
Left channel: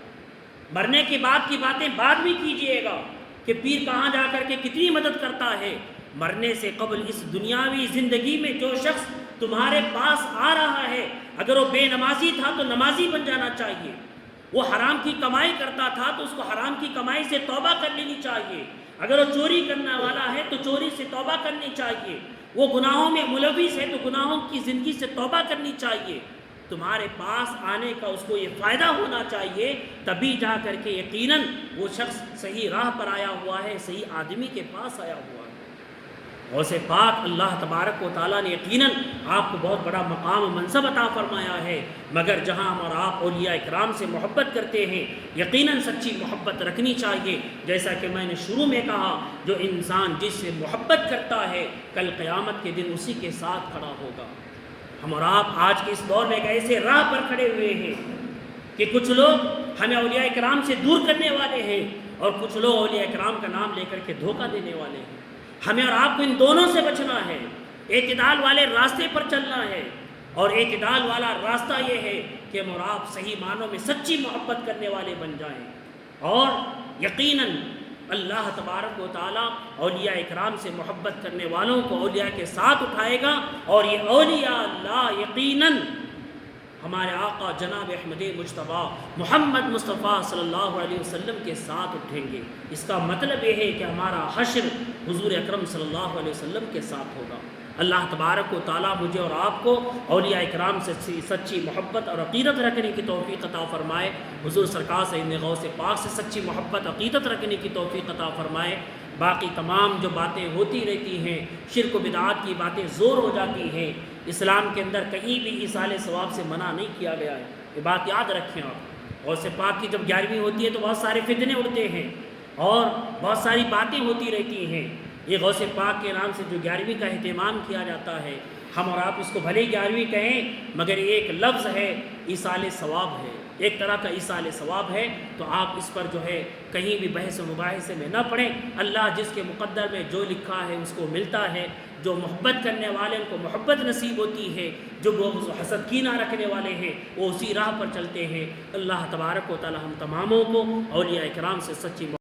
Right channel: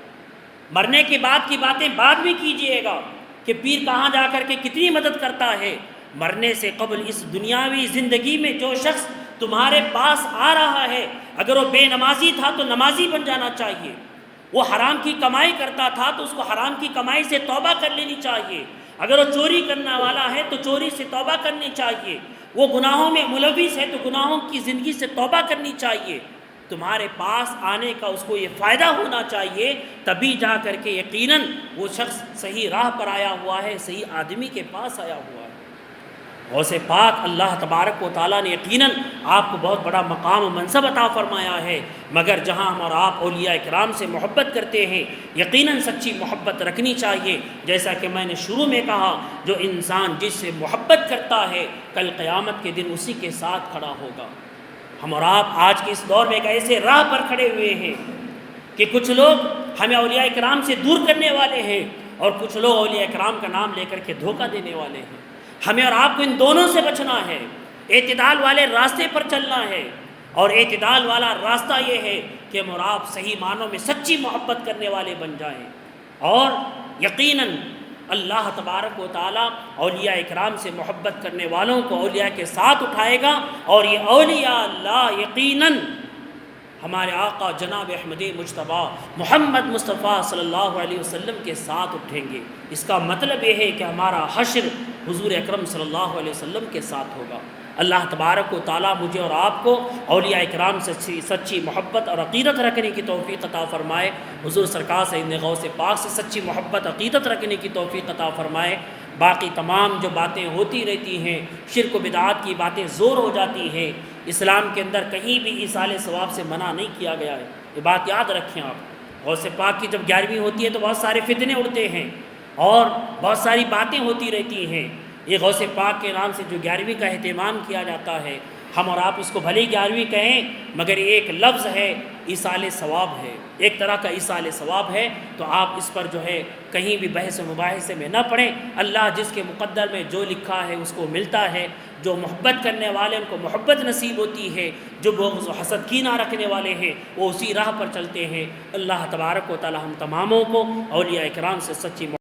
مرنے کے بعد کی باتیں بعد میں کیجئے گا کہ پیر کہاں جا کر کے کتنی مدد کرتا ہے۔ مرنے سے قبل اس دنیاوی زندگی میں جو شخص تمہارے پاس آ رہا ہے، اگر وہ بے نمازی تھا تو نمازی بن جانا چاہیے، وہ حرام کی کمائی کرتا تھا تو اس کو حرام کی کمائی سے توبہ کر لینی چاہیے، اگر وہ چوری کرنے والا ہے تو چوری سے توبہ کرنی چاہیے، وہ گناہوں میں ملوث ہے تو گناہوں کی زندگی سے توبہ کرنی چاہیے۔ تمہارے پاس آنے کا اس کو یہ فائدہ ہونا چاہیے، تبھی جا کر کے یقیناً وہ شخص صحیح راہ پر آیا ہوا ہے، صحیح آدمی کے پاس آیا ہوا ہے۔ غوث پاک اللہ تبارک و تعالیٰ نے یقیناً آپ کو بہت بڑا مقام و منصب عطا فرمایا ہے، مگر جہاں ہم اور آپ اولیاء کرام سے محبت کرتے ہیں یقیناً سچی محبت رکھنی چاہیے۔ جیسا کہ میں نے شروع میں کہا، جو انسان جس سے محبت کرتا ہے کل قیامت کے دن اسی کے ساتھ کھڑا ہوگا۔ ہم اور آپ آج کے اس دور میں ایک ایسے راہ پر کھڑے ہوئے ہیں کہ کچھ لوگ ہمیں اولیاء کرام سے دور کرنے والے ہیں اور کچھ لوگ اولیاء کرام کا نام لے کر کے دھوکہ دینے والے ہیں۔ ہمیں اور آپ کو ان دونوں سے بچنا ہے، اعتدال والے راستے پر چلنا ہے، اور اعتدال والا راستہ یہ ہے کہ ہم اور آپ صحیح معنوں میں سچی محبت کرنے والے بن جائیں، اور یقیناً اللہ تبارک و تعالیٰ اولیاء اکرام سے محبت کرنے والوں کو اولیاء کے ساتھ اٹھائے گا، اور یہ اولیاء اللہ یقیناً ہمارے آقا جناب احمد مجتبیٰ محمد مصطفیٰ صلی اللہ علیہ وسلم کے ساتھ اٹھیں گے۔ اس کا مطلب یہ ہے کہ ہمارا حشر حضور اکرم صلی اللہ علیہ وسلم کے ساتھ ہوگا۔ اللہ تبارک و تعالیٰ مجھے اور آپ کو اولیاء اکرام سے سچی محبت اور عقیدت رکھنے کی توفیق عطا فرمائے، حضور سرکار سیدنا غوث پاک سے سچی محبت عقیدت رکھنے کی توفیق عطا فرمائے۔ باقی تمام جو باتیں ہوتی رہتی ہیں، شرک و بدعات کی باتیں زور ہو جاتی ہیں، اسلام کے اندر کہیں بھی ایصال ثواب سے منع نہیں کیا گیا ہے، یہ بات یاد رکھیں آپ۔ غوث پاک کی جب 11ویں ہوتی ہے تو بہت سارے فتنے اڑتے ہیں اور بہت ساری باتیں ہوتی رہتی ہیں۔ یہ غوث پاک کے نام سے جو 11ویں کا اہتمام کیا جاتا ہے، ہم اور آپ اس کو بھلے 11ویں کہیں مگر یہ ایک لفظ ہے، ایصال ثواب ہے، ایک طرح کا ایصال ثواب ہے، تو آپ اس پر جو ہے کہیں بھی بحث و مباحثے میں نہ پڑیں۔ اللہ جس کے مقدر میں جو لکھا ہے اس کو ملتا ہے، جو محبت کرنے والے ان کو محبت نصیب ہوتی ہے، جو بغض و حسد کینہ رکھنے والے ہیں وہ اسی راہ پر چلتے ہیں۔ اللہ تبارک و تعالی ہم تماموں کو اولیاء کرام سے سچی